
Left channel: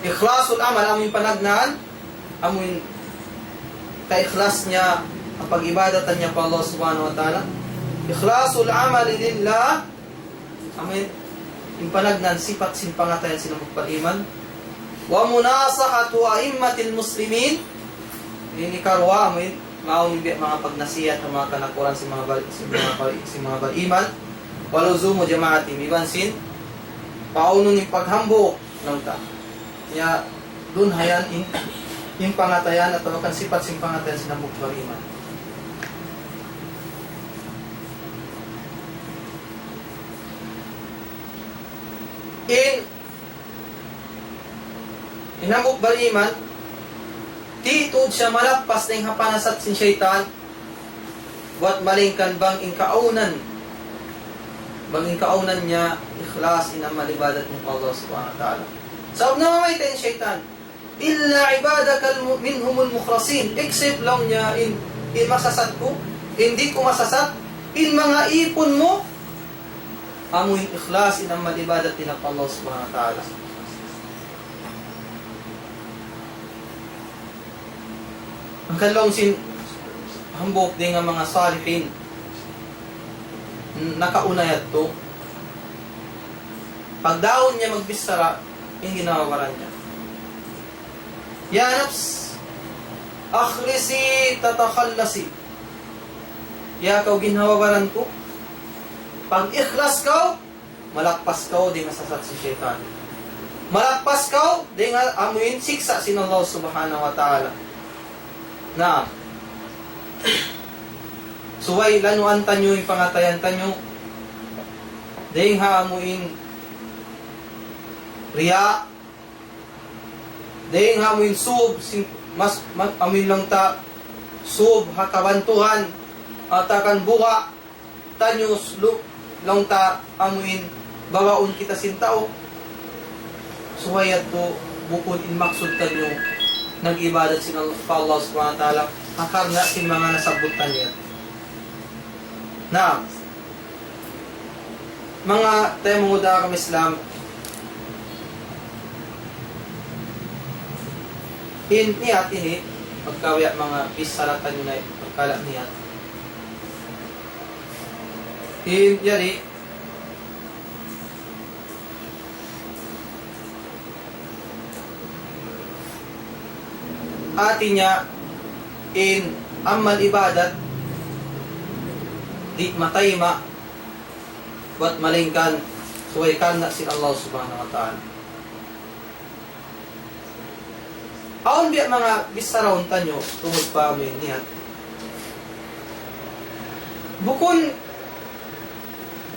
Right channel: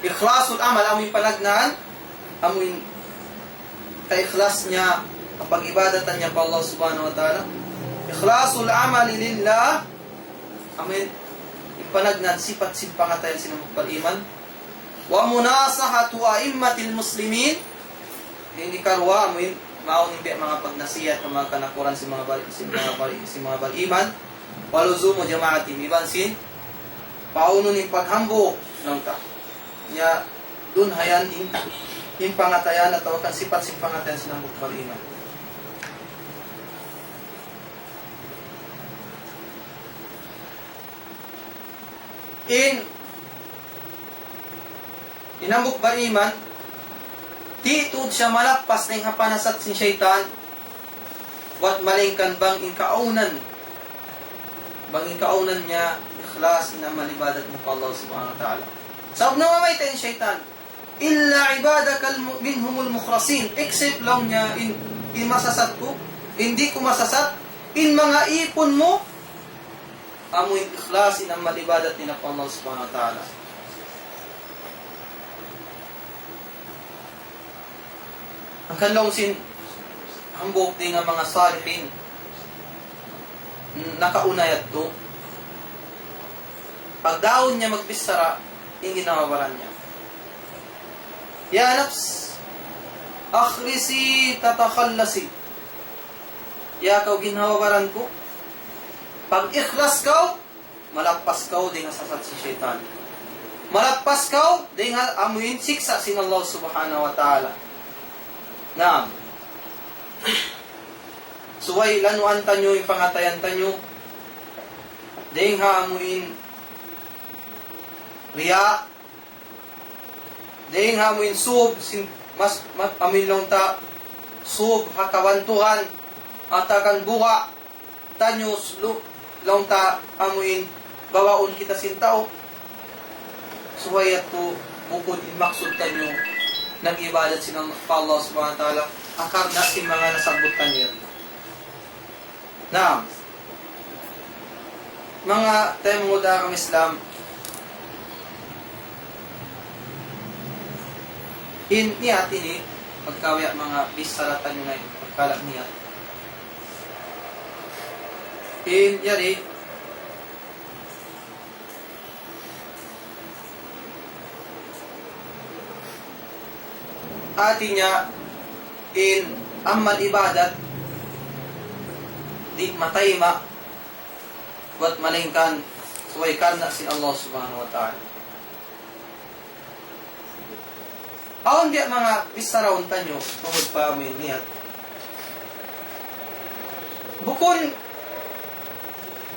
Ikhlasul amal, amoy panagnaan, amoy ka-ikhlas niya ang pag-ibadatan niya pa Allah subhanahu wa ta'ala. Ikhlasul amal lillah, amoy yung panagnaan, sipat simpangatayan sila magpaliman. Wa munasahatu a'immatil muslimin, hindi karwa, amoy maunibig mga pagnasiyat ng mga kanakuran si mga beriman. Waluzumu jamaati bibansin, pauno ni paghambo lang ta. Kaya dun hayan in pangatayan atau kan sifat simpangatayan sa nambok beriman. In nambok beriman, titud siya malakpas na yung hapanasat si syaitan, buat malingkan bang inkaunan, banging kaunan niya ikhlas inamal ibadat ni Allah subhanahu wa ta'ala. Sabab na mamayta yung syaitan, illa ibadakal minhumul mukhlasin, except lang niya in masasat ko, hindi ko masasat, in mga ipon mo, amoy ikhlas inamal ibadat ni Allah subhanahu wa ta'ala. Ang kalong sin hambok din ng mga salihin, nakaunayat to, pag daon niya magbisara, hindi nawawalan niya. Ya nafs, akhlisi tatakhallasi. Ya kau ginawawalan ko, pag ikhlas kau, malakpas kau di nga sasat si syaitan. Malakpas kau di nga amuin siksa sin Allah subhanahu wa ta'ala. Na suway lanuan tanyo yung pangatayan tanyo, ding haamuin riya, ding haamuin sub, mas amin lang ta sub hakawantuhan at akan buka tanyo lang ta amuin bawaon kita sintao. Suwayat ko bukod in maksud tanyo nag-ibadat sila pa Allah subhanahu wa ta'ala akar na si mga nasabutan niya. Naam, mga tayo mga Islam, In niyat ini magkawya mga bisalatan nga pagkala niyat. In yari atinya in amal ibadat di matayma buat malingkan suwaykan na si Allah subhanahu wa ta'ala. Aon biya mga bisaraon tanyo tungod pa amin niya. Bukun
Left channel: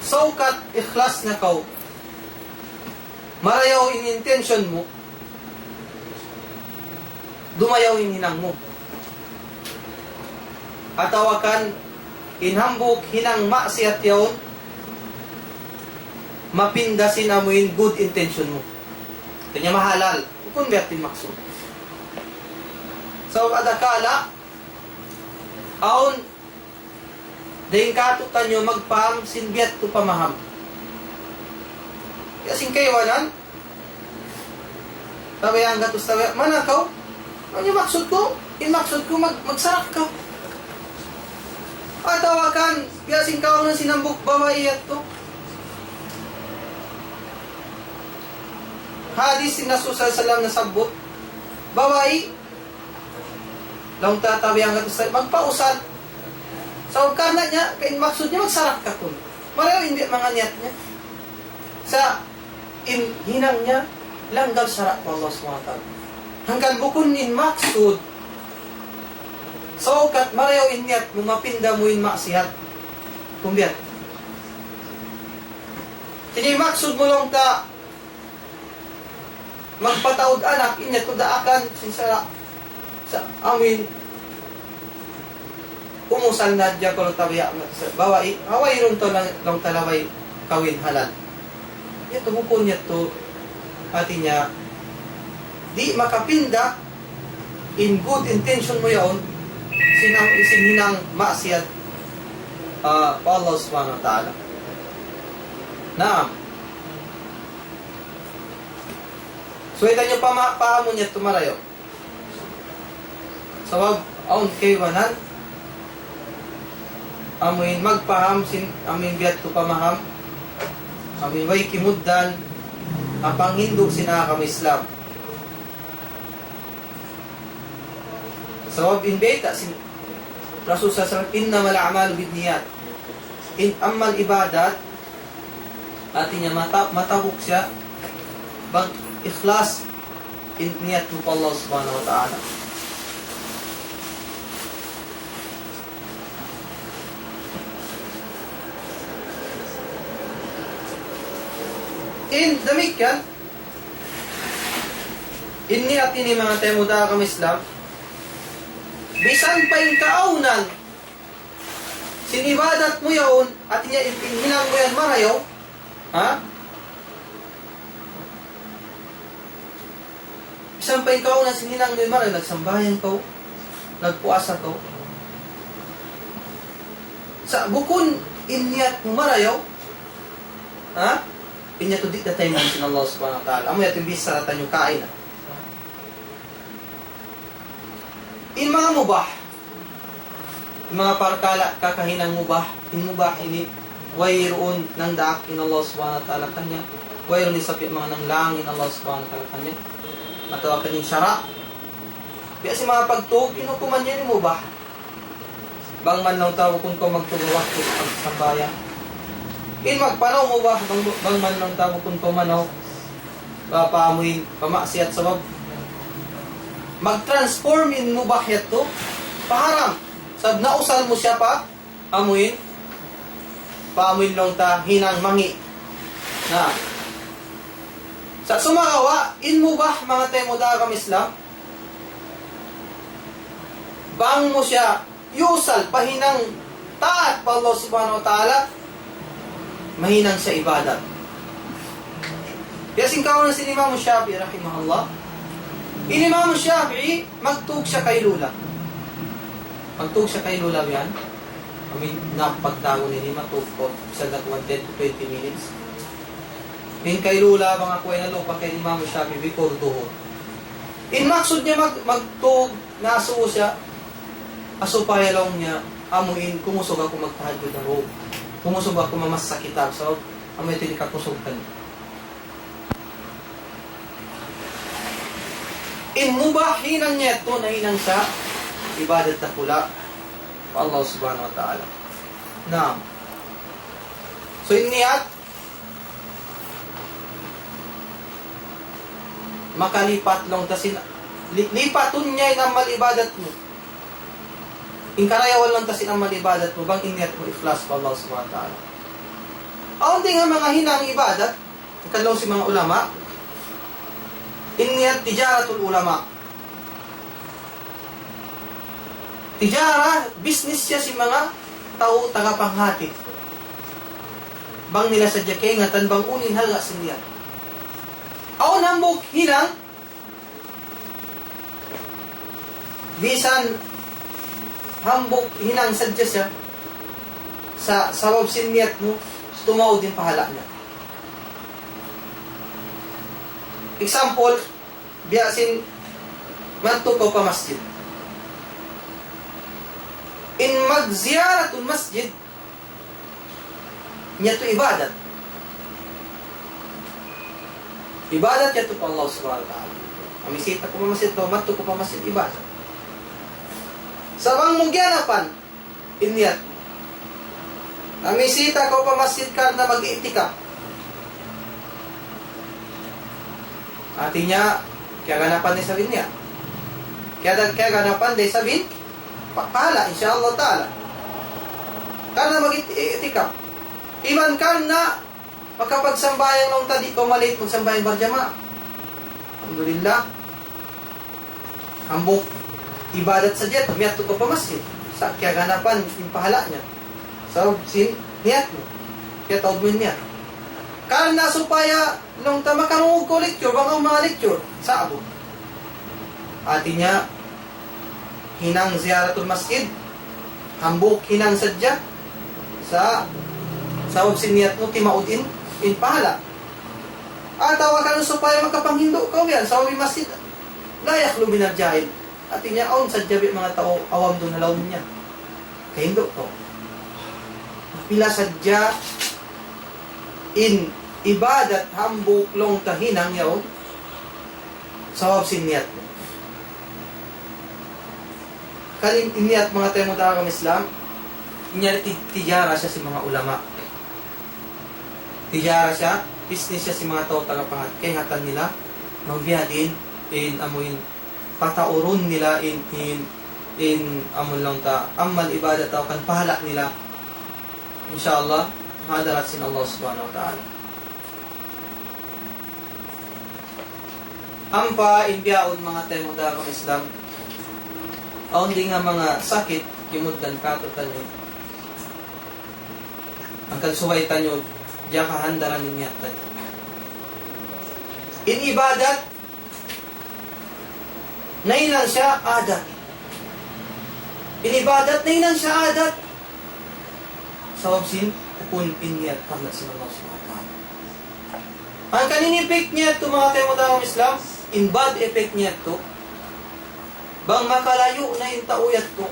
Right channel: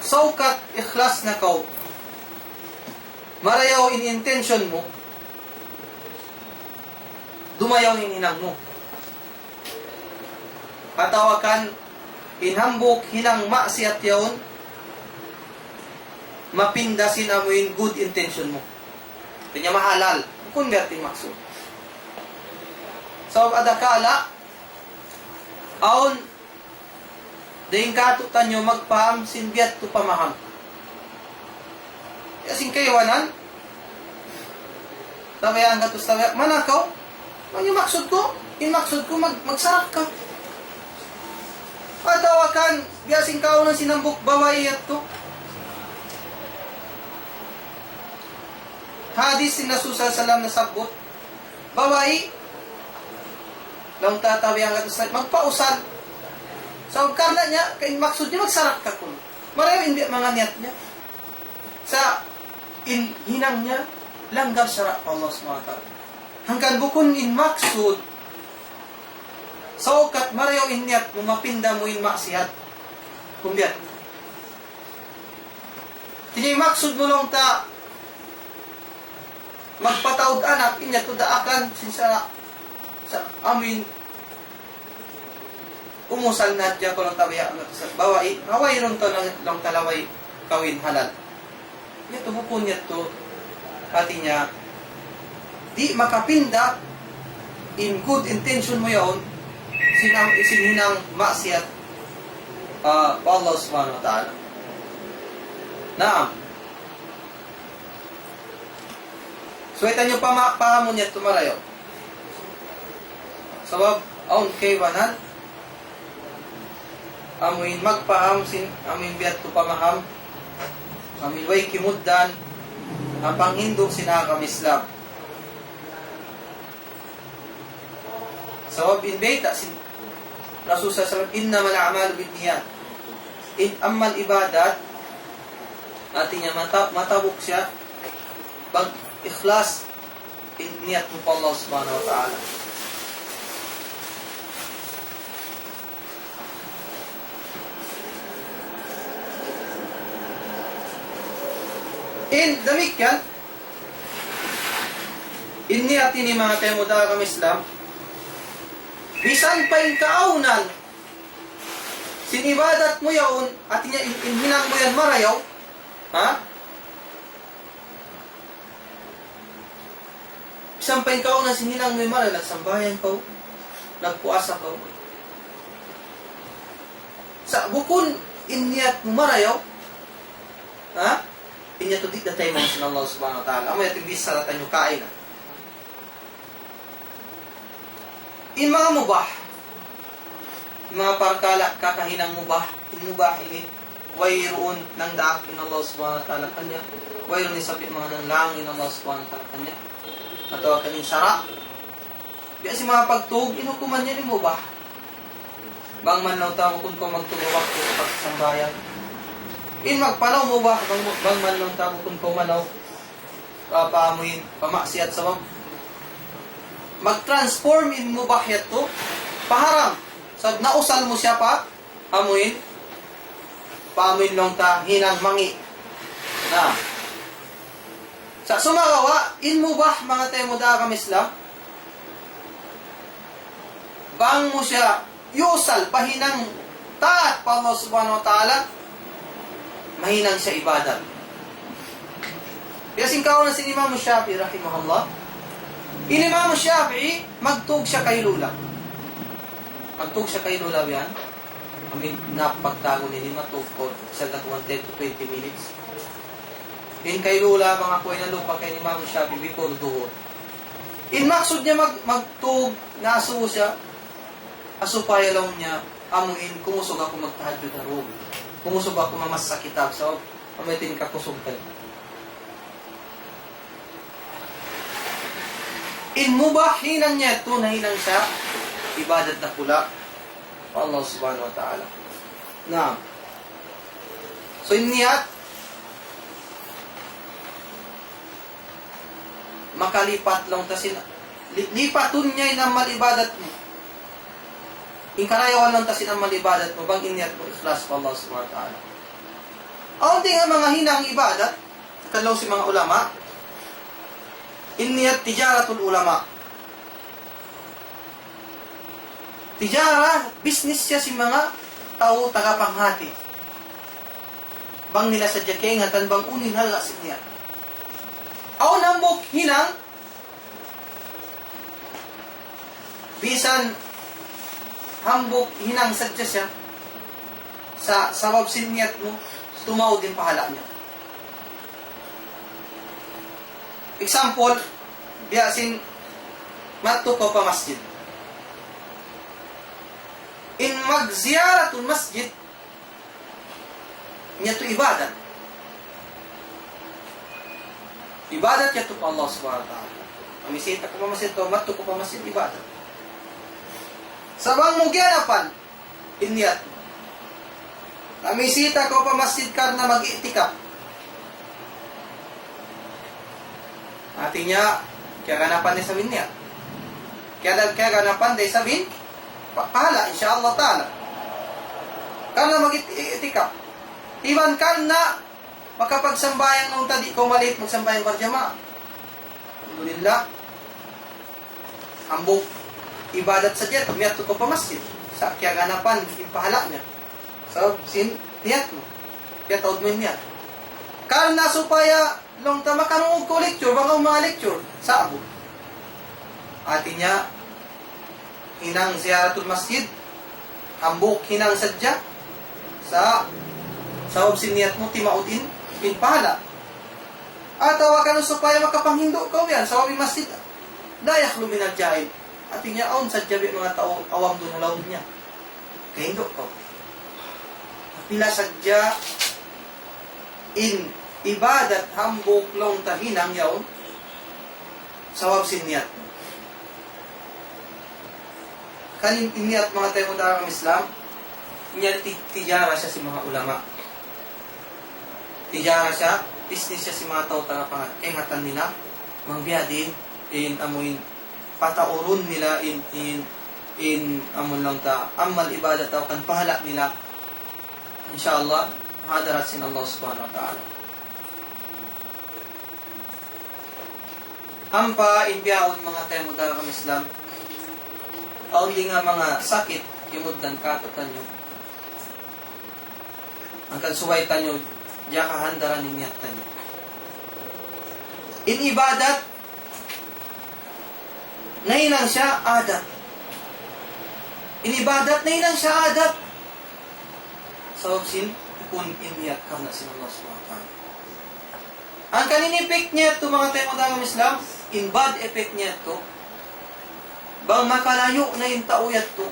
saukat ikhlas na kau marayaw in intention mo dumayaw in hinang mo. Atawakan inhambok hinang maksiyat yaon mapindasin amuin good intention mo. Kanya mahalal. Kung gati maksud. So, adakala aon daing katutan nyo magpaham sinbiat to pamaham. Kasing kaywanan tabayan gatos tabayan manakaw ano yung maksud ko? Yung maksud ko magsarak ka. Patawakan yasing kao ng sinambok bawaiyat to. Hadis sinasusa salam na sabot bawai lang tatawi ang gatos magpausan. So karena niya kay maksud niya magsarak ka kun. Marami hindi mga niyat niya. Sa hinang niya langgal sarak mo Allah subhanahu wa ta'ala. Hanggang bukun in maksud so kat marayaw inyat mo mapinda mo in maksiat kumbiyat tini maksud mo lang ta magpataod anak inyat to daakan sinsala sa amin umusal na dya ko lang tabiya bawai away ron to lang talaway kawin halal niya to bukun niya to pati niya di makapinda in good intention mo yaon sinhinang maksiyat pa Allah subhanahu wa ta'ala. Naam. So ito nyo pahamon niya tumarayo. Sawab aon kaywanan amoy magpaham amoy biyat to pamaham amoy way kimuddan apang hindog sinakam Islam. Sawab in beta sin Rasul sallallahu innamal a'malu binniyat. In amal ibadat artinya matabuk siya bag ikhlas in niyat mo Allah subhanahu wa ta'ala. In demikian in niyat ini mga temuda kang Islam bisan pa yung kaunan sinibadat mo yaon at hinang mo yan marayaw ha? Bisan pa yung kaunan sininang mo yan marayaw nagsambayan ko nagpuasa ko sa bukun inyat marayaw ha? Inyat to di datay mo sin Allah subhanahu wa ta'ala amoy at ibis sa tanyo kain mga mubah mga parkala kakahinang mubah ini wayroon ng daak in Allah subhanahu wa ta'ala kanya wayroon ni sapi mga nang langin Allah subhanahu wa ta'ala kanya matawag kaning syara kaya si mga pagtug inukuman niya ni mubah bang man lang tawag kung magtugawak ko pagsambayan in magpanaw mubah bang man lang tawag kung kumanaw paamuin pamaksiyat sa mag-transform in mubahyat to paharam sab nausal mo siya pa amuin paamuin nung ta hinang mangi na sa sumagawa in mubah mga temoda kang Islam bang mo siya yusal pahinang taat pa Allah subhanahu wa ta'ala mahinang siya ibadat kaya singkaw na si Imam Shafi'i rahimahullah Imam Shafi'i, magtug siya kay Lula. Magtug siya kay Lula yan. Kami napagtago ni matug ko. Isa na 10 to 20 minutes. Kay Lula, mga kuya na lupa kay Imam Shafi'i, bikol tuhod. Maksud niya magtug, nasuo siya, asupaya lang niya, amuin, kumusog ako magtahadod na roon. Kumusog ako mamasakitab. So, amay tinikakusog ka. Mubah hinang niya ito na hinang siya, ibadat na pula pa Allah subhanahu wa ta'ala. Now, so niyat, makalipat lang tasin, lipatun niya inamal ibadat mo. Karayawan lang tasin amal ibadat mo, bang iniyat mo ikhlas pa Allah subhanahu wa ta'ala. Aunti nga mga hinang ibadat, nakalong si mga ulama, iniyat tijaratul ulama. Tijara, business siya si mga tao tagapanghati. Bang nila sa jakengatan, bang unin halga sindiyan. Ako nambok hinang, bisan hambok hinang sadya siya, sa sawab siniyat mo, tumaw din pahala niya. Example, biyasin manto ko pa masjid. Magziyaratul masjid, niya to ibadat. Ibadat niya to Allah subhanahu wa ta'ala. Kamisita ko pa masjid to, manto ko pa masjid, ibadat. Sawang mugyanapan, iniyat. Kamisita ko pa masjid ka na mag-itikap. Artinya, kaya ganapan din sabihin niya. Kaya ganapan din sabihin, pahala, insyaAllah ta'ala. Kana mag-itikap. Iman kan na makapagsambayang nung tadi ko malit, magsambayang berjamaah. Alhamdulillah. Hambok ibadat saja, miyat ko pa masjid. Sa kaya ganapan, yung pahala niya. So, niyat mo. Kaya taod mo niya. Karena supaya nung makamungog ko lecture, baka mga lecture, sa ako. Artinya, hinang ziyaratul masjid, hambok hinang sadya, sa siniyat mo, timaudin, in pahala. At tawakan supaya makapanghindo ka yan, sa masjid, layak luminar jahil. Artinya, aun sadya mga tao, awam doon na laon niya. Kahindo ko. Napila sadya, in ibadat hambok long tahinang yaw sawab siniyat mo. Kanin iniyat mga tayo mo dagang Islam, inyari tijara siya si mga ulama. Tijara siya, business siya si mga tao talapangat. Kaya hatan nila, magbiyadin, in amoy pataurun nila, in amon lang ta, amal ibadat tao kan pahala nila. Inshallah, hadarat sin Allah subhanahu wa ta'ala. Ampa, imbiyaon mga tayo dagang Islam, aon di nga mga sakit, kimudan katatan nyo. Ang kagsuwaytan nyo, diya kahandaran ninyatan nyo. In ibadat, nailang siya adat. In ibadat, nailang siya adat. Sa obsin, kung inyat ka na sin Allah subhanahu wa ta'ala. Ang kaninipik niya ito mga tayo dagang Islam, in bad effect niya ito, bang makalayo na yung tauyat ko,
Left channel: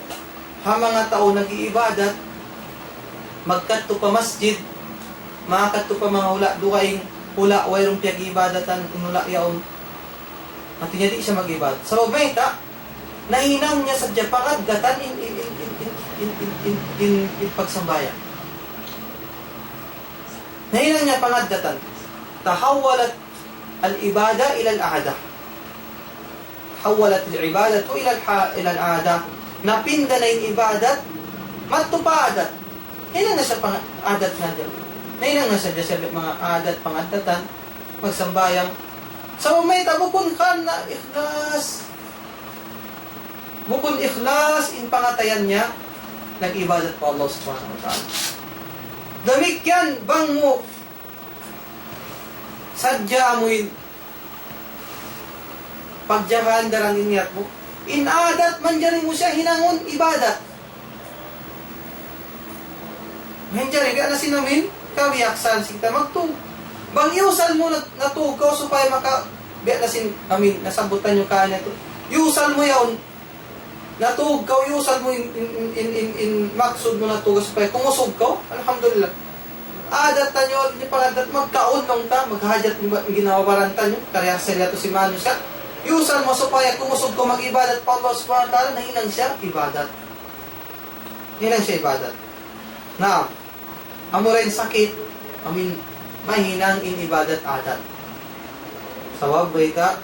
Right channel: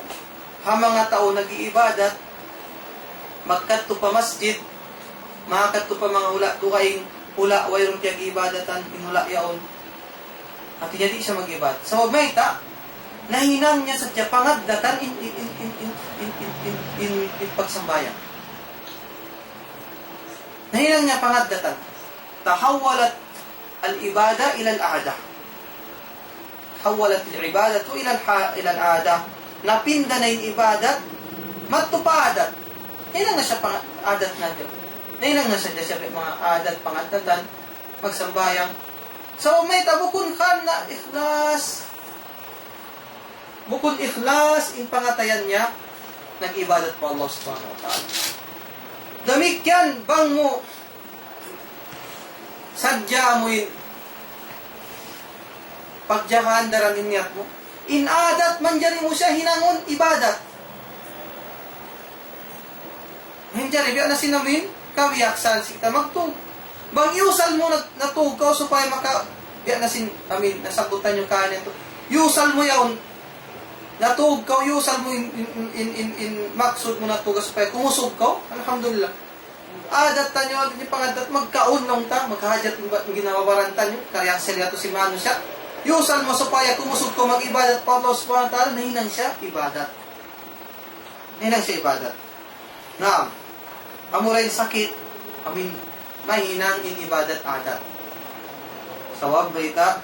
ha mga tao nag-iibadat, magkadto pa masjid, makakadto pa mga hula, dukaing hula, wayrong piyag-ibadatan, inula yaon, at hindi siya mag-ibadat. So, may ta, nahinang niya sa Japangagdatan in pagsambayan. Nahinang niya pangagdatan. Tahawalat al-ibada ila al-aada. Tahawalat al-ibada ila al-aada. Napinda na yung ibadat, matupadat. Hinang na siya pang-adat na dyan. Hinang na siya dyan mga adat, pang-adatan, magsambayang. Sa umay, bukod ka na ikhlas. Bukod ikhlas, in pangatayan niya, nag-ibadat po Allah subhanahu wa ta'ala. Damikyan, bang mo, sadya mo yung pagjahan darang inyat mo, inadat man dyan mo siya hinangon ibadat. Ngayon dyan, biya na sinamin, kawiyaksan kita magtug. Bang iusal mo natugaw supaya biya na sin kami nasabutan yung kanya to. Yusal mo yaon. Natug ka, yusal mo in maksud mo natugas pa. Kung usog ka, alhamdulillah. Adat tanyo, alin yung pangadat, magkaon nung ta, maghajat mo ginawabaran tanyo. Kaya sila to si Manu siya. Yusal mo supaya kumusog ko mag-ibadat pa Allah subhanahu wa ta'ala, nahinang siya, ibadat. Nahinang siya, ibadat. Na, amuray sakit, mahinang in ibadat adat. Sawab baita,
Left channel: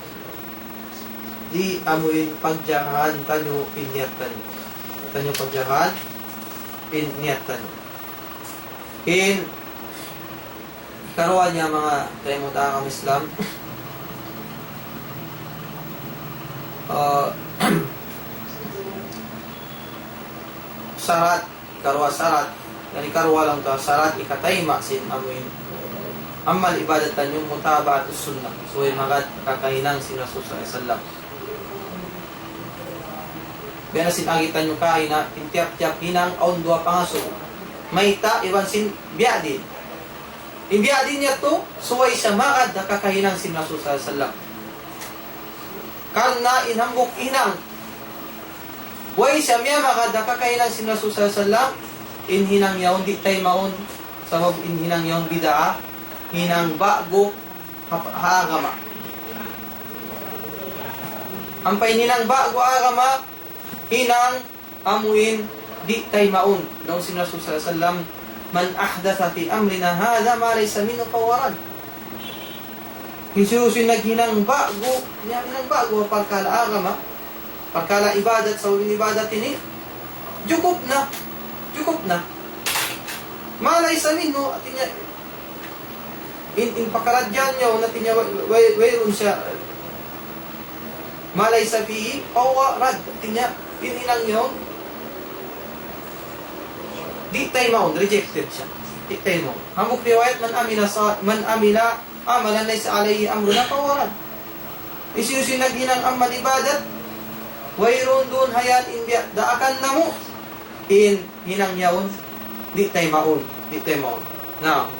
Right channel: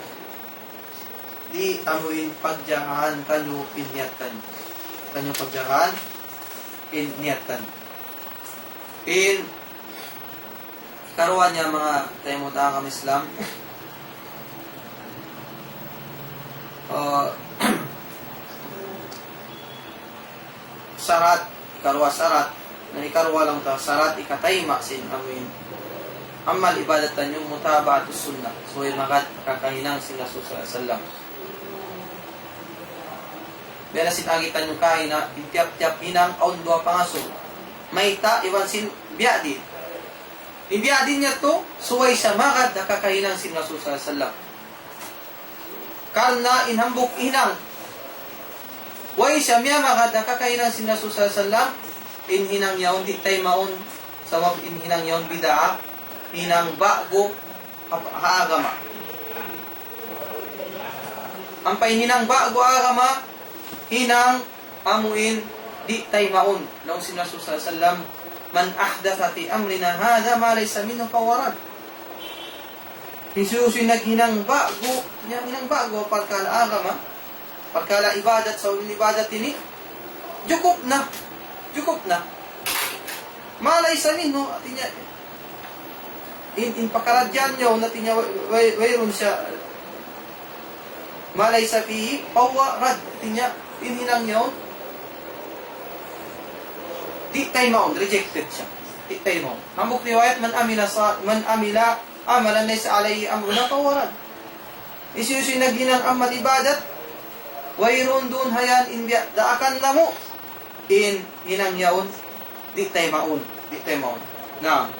di amuin pagjahan tanyo pinyatan. Tanyo pagjahan pinyatan. In karuan niya mga tayo mo tangang Islam. Sarat, karwa sarat, na ikarwa lang ta sarat ikatayma sin amuin. Amal ibadatan yung mutaba'atus sunnah. So ay magat kakahinang si Rasul sallallahu alaihi wasallam. Bena sinagitan yung kahina, tiap-tiap hinang on dua pangaso. Maita iwan sin biadi. In biadi niya to, suway siya magat kakahinang si Rasul sallallahu alaihi wasallam. Karena inhambok hinang. Way siya miya magat kakahinang si Rasul sallallahu alaihi wasallam. In hinang yaon di tay maon. Sawab in hinang yaon bidaa. Hinang bago agama. Ang pahinang bago agama, hinang amuin di tay maun. Nung si Rasul sallallahu alaihi wasallam, man ahdatha fi amrina hadha ma laysa minhu fawaran. Jesus naghinang bago, hinang bago pagkala agama, pagkala ibadat sa uling ibadat ini, cukup na. Cukup na. Ma laysa minhu atinya in pakaladyan nyo natin niya wayron siya malay sabi pawarad tinya hinang nyo di tayo mo rejected siya di tayo mo hamok riwayat man amila amalan laysa alayhi amruna pawarad isyusi naghinang amal ibadat wayron dun hayan inbiya daakan na mo in hinang yaon di tayo maun di tayo maun now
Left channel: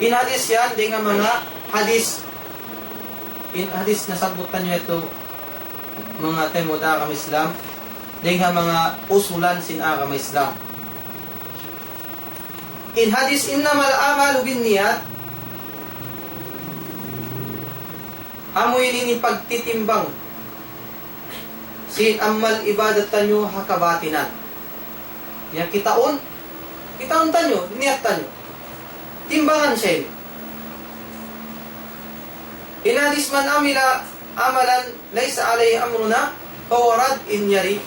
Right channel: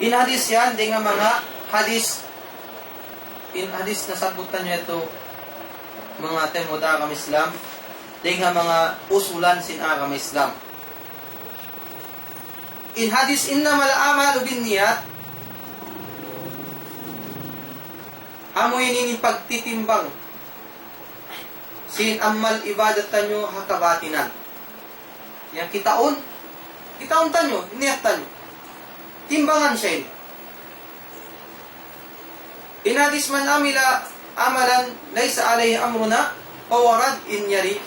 in hadis yan, di nga mga hadis, in hadis nasabutan nyo ito, mga temod agam Islam, di nga mga usulan sin agam Islam. In hadis, innamal amalu bin niyat, amoy nini pagtitimbang, sin amal ibadatan nyo hakabatinan. Yan kitaon tanyo, niyat tanyo. Timbangan siya. Inadis man amila amalan laysa alayhi amruna pawarad in yari.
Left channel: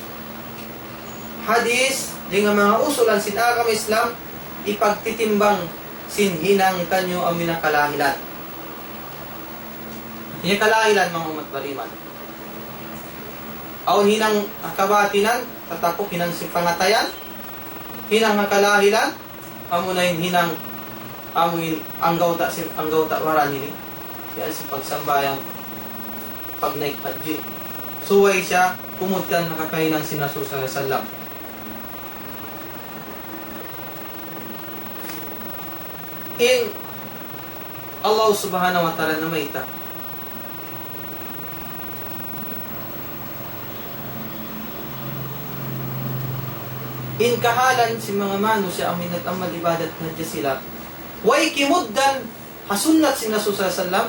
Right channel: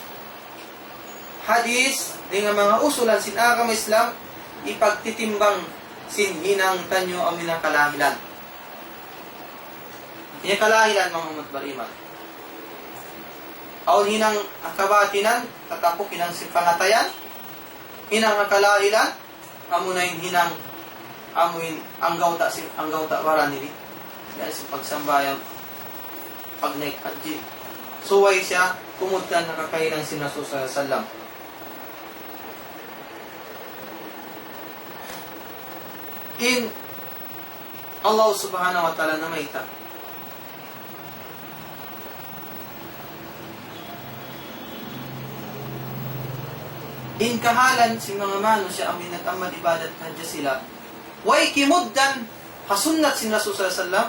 Hadis dengan mga usulan sin agam Islam ipagtitimbang sin hinang tanyo amina kalahilan. Hiya kalahilan mga umat bariman. Aw hinang akabatinan tatapok hinang si pangatayan. Hinang kalahilan amo na hinang amuin ang gawta waran nini kaya sa pagsambayang pag naikadji suway siya kumutkan nakakahinang si Rasul sallallahu alaihi wasallam in Allah subhanahu wa ta'ala na maita in kahalan si mga mano siya ang minatamad ibadat na dyan sila way kimuddan hasunnat si Rasul sallallahu alaihi wasallam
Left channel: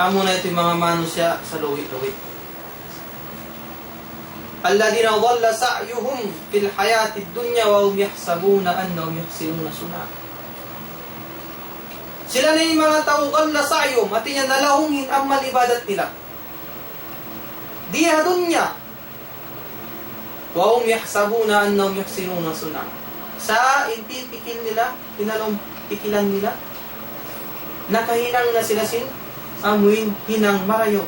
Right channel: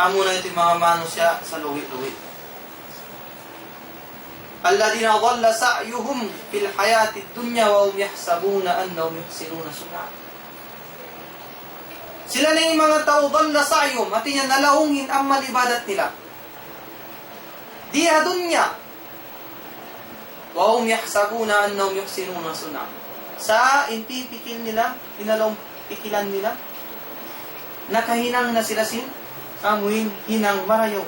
amo na ito yung mga mano siya sa luwi-luwi alladhina dhalla sa'yuhum fil hayati dunya wa hum yahsabuna annahum yuhsinuna sun'a sila na yung mga tao dhalla sa'yuhum at niya nalahungin ang malibadat nila diha dunya wa hum yahsabuna annahum yuhsinuna sun'a sa impipikil nila, pinalong pikilan nila, nakahinang na sila sin, amuin hinang marayo.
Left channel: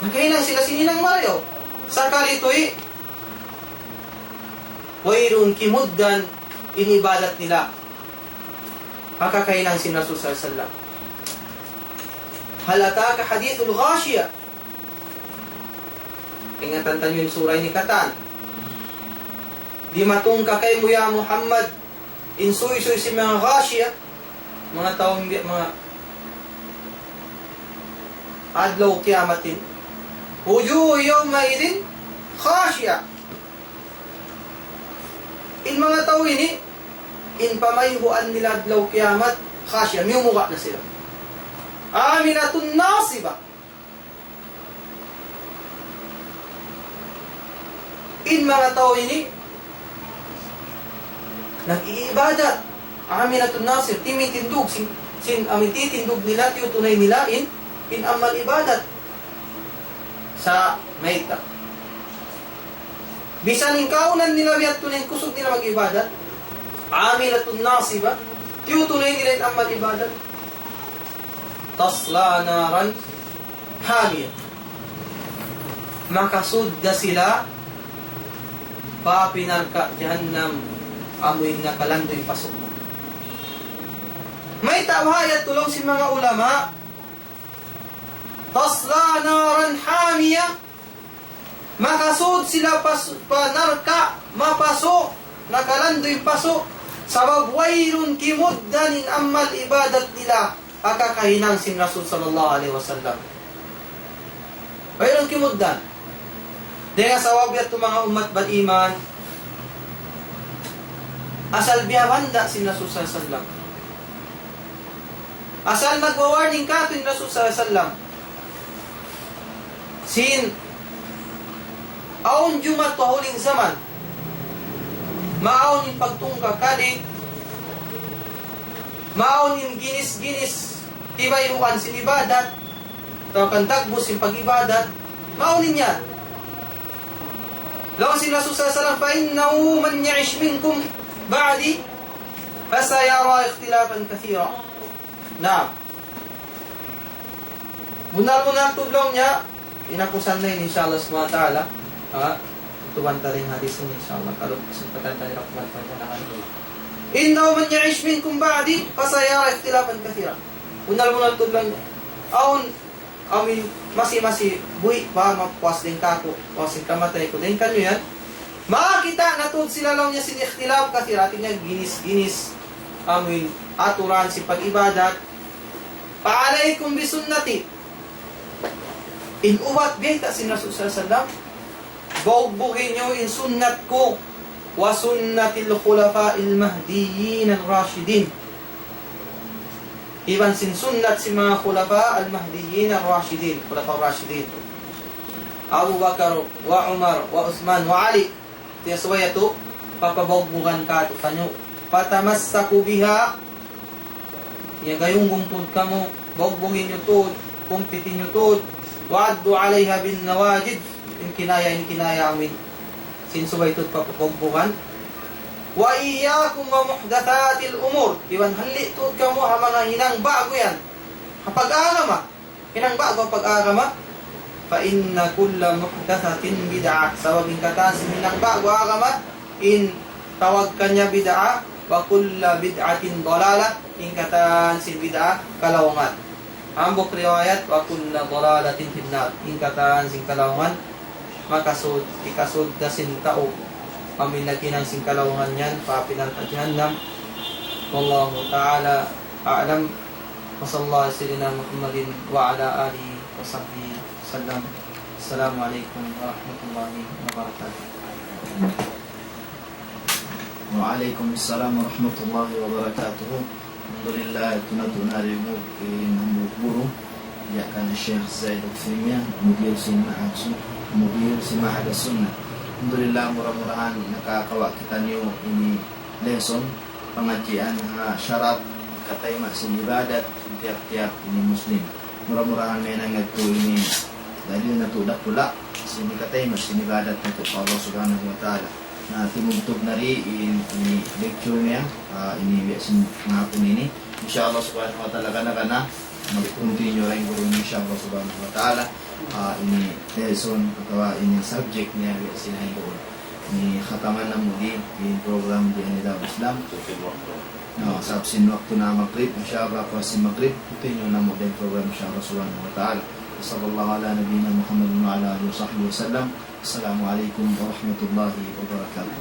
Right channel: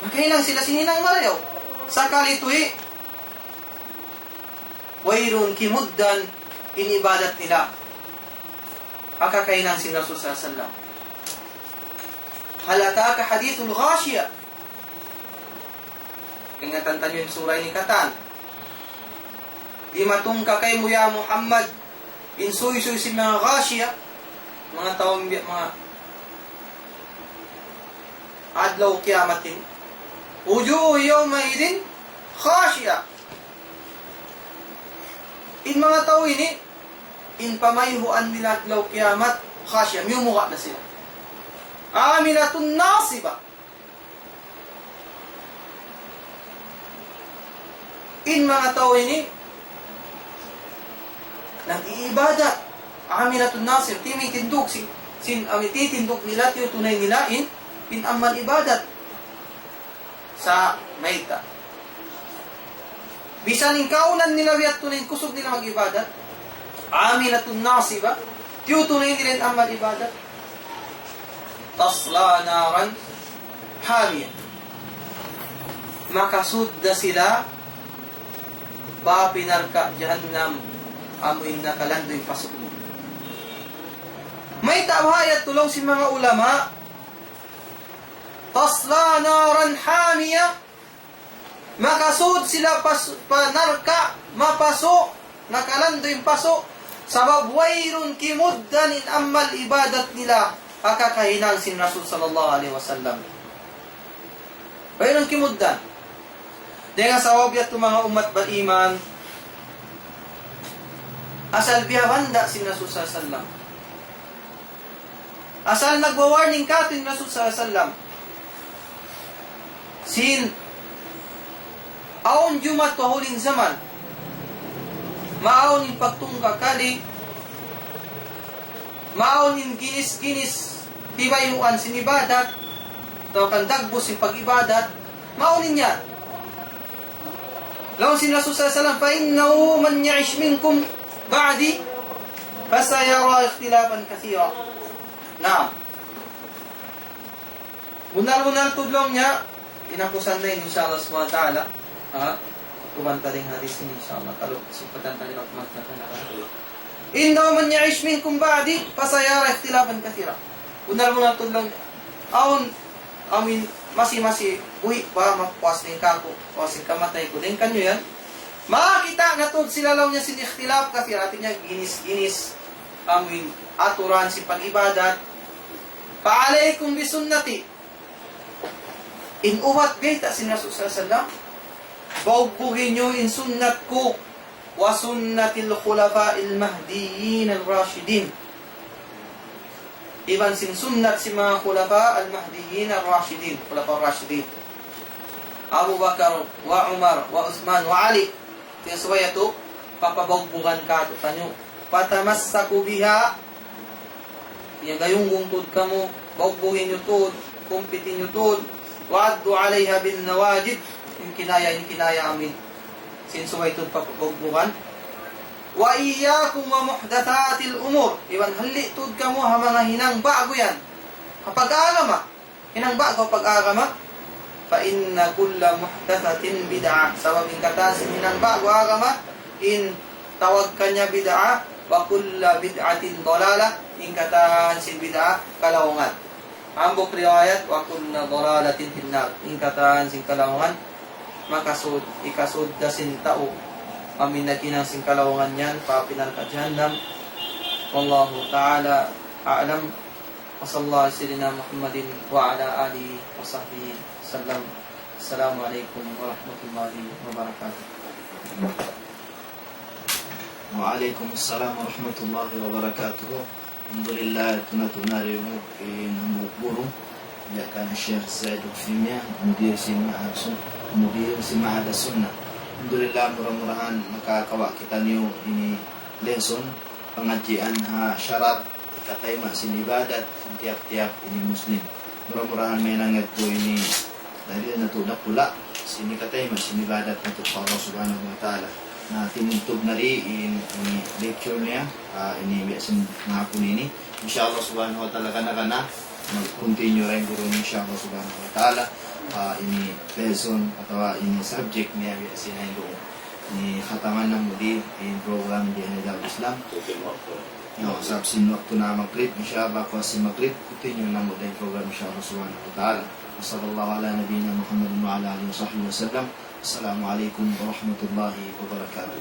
Nakahinang sila sin hinang marayo. Sakali ito'y, wayrun kimuddan, inibadat nila. Makakahinang sin Rasul sallallahu alaihi wasallam. Halataka hadithul ghashiyah. Ingatan tayo yung surah ni Katan. Di matungka kay mo ya Muhammad insuy-suy si mga ghashiyah mga taong mga adlaw kiyamatin, wujuh yawmaidin khashiya. In mga tao ini, in pamayuhan nila adlaw kiyamat, khashiya, miyumuka na sila. Amilatun nasiba. In mga tao ini, nag-iibadat. Amilatun nasib, timitindog, amititindog nila, tinutunay nila, in amal ibadat sa mayta. Bisan yung kaunan nila biyat tunay kusog nila mag-ibadat, amilatun nasiba, tinutunay nila in amal ibadat. Tasla naran hamiyah. Makasudda sila papinarka jahannam, amoy na kalandoy pasok. May tawhid tulong si mga ulama. Tasla naran hamiyah. Makasud sila panarka, mapaso, nakalandoy paso, sabab wayrun kimuddanin amal ibadat nila, akakahinang sin Rasul sallallahu alaihi wasallam. Wayrun kimuddan. Dahil sa wabiat mga umat beriman, asal biyabanda sin Rasul sallallahu alaihi wasallam. Asal nagwa-warning ka tuwing Rasul sallallahu alaihi wasallam. Sin aon jumat pahuling zaman, maaon yung pagtungka kali, maaon yung ginis-ginis, tibayuan sin ibadat, tawakan dagbos yung pag-ibadat, maaon niya. Lawan sin Rasul sallallahu alaihi wasallam, فَإِنَّهُ مَنْ يَعِشْ مِنْكُمْ بَعْدِي فَسَيَرَى اخْتِلَافًا كَثِيرًا. Na, bunar-bunar tudlong niya, inakusan na yun insyaAllah SWT. Tubanta rin hadis ini insyaAllah. Kalau kesempatan dari Rahmat Fajr. Innahu man ya'ish minkum ba'di fasayara ikhtilafan katsira. Bunar-bunar tudlong niya. Amin masih buhi pa mapuas din kako o sin kamatay ko din kanyo yan. Makita na tud sila law niya sin ikhtilaf katsira, niya ginis-ginis amin aturan si pag-ibadat. Pa'alaykum bisunnati. In umat bita sin Rasul sallallahu alaihi wasallam, baugbugin nyo in sunnat ko wa sunnatil khulafa'il mahdiyyin al-rashidin. Iban sin sunnat si mga khulafa al-mahdiyyin al-rashidin, khulafa al-rashidin. Abu Bakar wa Umar wa Uthman wa Ali. Tiaswaya to, papabogbugan ka to tanyo. Patamassaku biha. Ya gayunggong tud kamo, bogbugin nyo tud, kumpitin nyo tud, wa'addu alaiha bin nawajid. Yung kinaya amin. Sinsuway tud papabogbugan. Wa iyyakum wa muhdatsatil umur. Iwan hali tud kamo hamana hinang bago yan. Kapag agama, hinang bago pag-agama, fa inna kulla muhdatsatin bid'ah. Sababing katan si hinang bago agama, in tawag kanya bid'ah, wa kulla bid'atin dalalah, in katan si bid'ah kalawungan. Ambok riwayat wa kulla dalalatin finnar, in katan si kalawungan, makasud ikasud dasin tao paminakinang sing kalawungan yan, papinarka jahannam. Wallahu ta'ala a'lam. Wa sallallahu sayyidina Muhammadin wa ala alihi wa sahbihi sallam. Assalamualaikum warahmatullahi wabarakatuh. Waalaikumsalam warahmatullahi wabarakatuh. Alhamdulillah, tunalimu inamukuru ya kana Syekh Zaid Al-Fimiyah, mudir si Ma'aksud, mudir si Ma'ad Sunnah. Alhamdulillah, murah-murahan nakakawa kita niyo ini lesson pengajian syarat katay masin ibadat tiap-tiap ini muslim. Murah-murahan may nangat po ini dahil natulak pula sini katay masin ibadat untuk Allah Subhanahu wa Ta'ala. Nah, tinuntog na rin ini lecture niya, ini biasin mahapon ini. Insyaallah Subhanahu wa Ta'ala kana mag-continue rin po rin insyaallah Subhanahu wa Ta'ala. Ini lesson atau ini subjek niya biasin na yun. Ini khataman ng muli in program di Anila Islam. Sabsin waktu na magkrip, insyaallah po si magkrip, continue na muli program insyaallah Subhanahu wa Ta'ala. Sallallahu ala nabiyina Muhammad wa ala alihi wa sahbihi wa sallam. Assalamualaikum warahmatullahi wabarakatuh.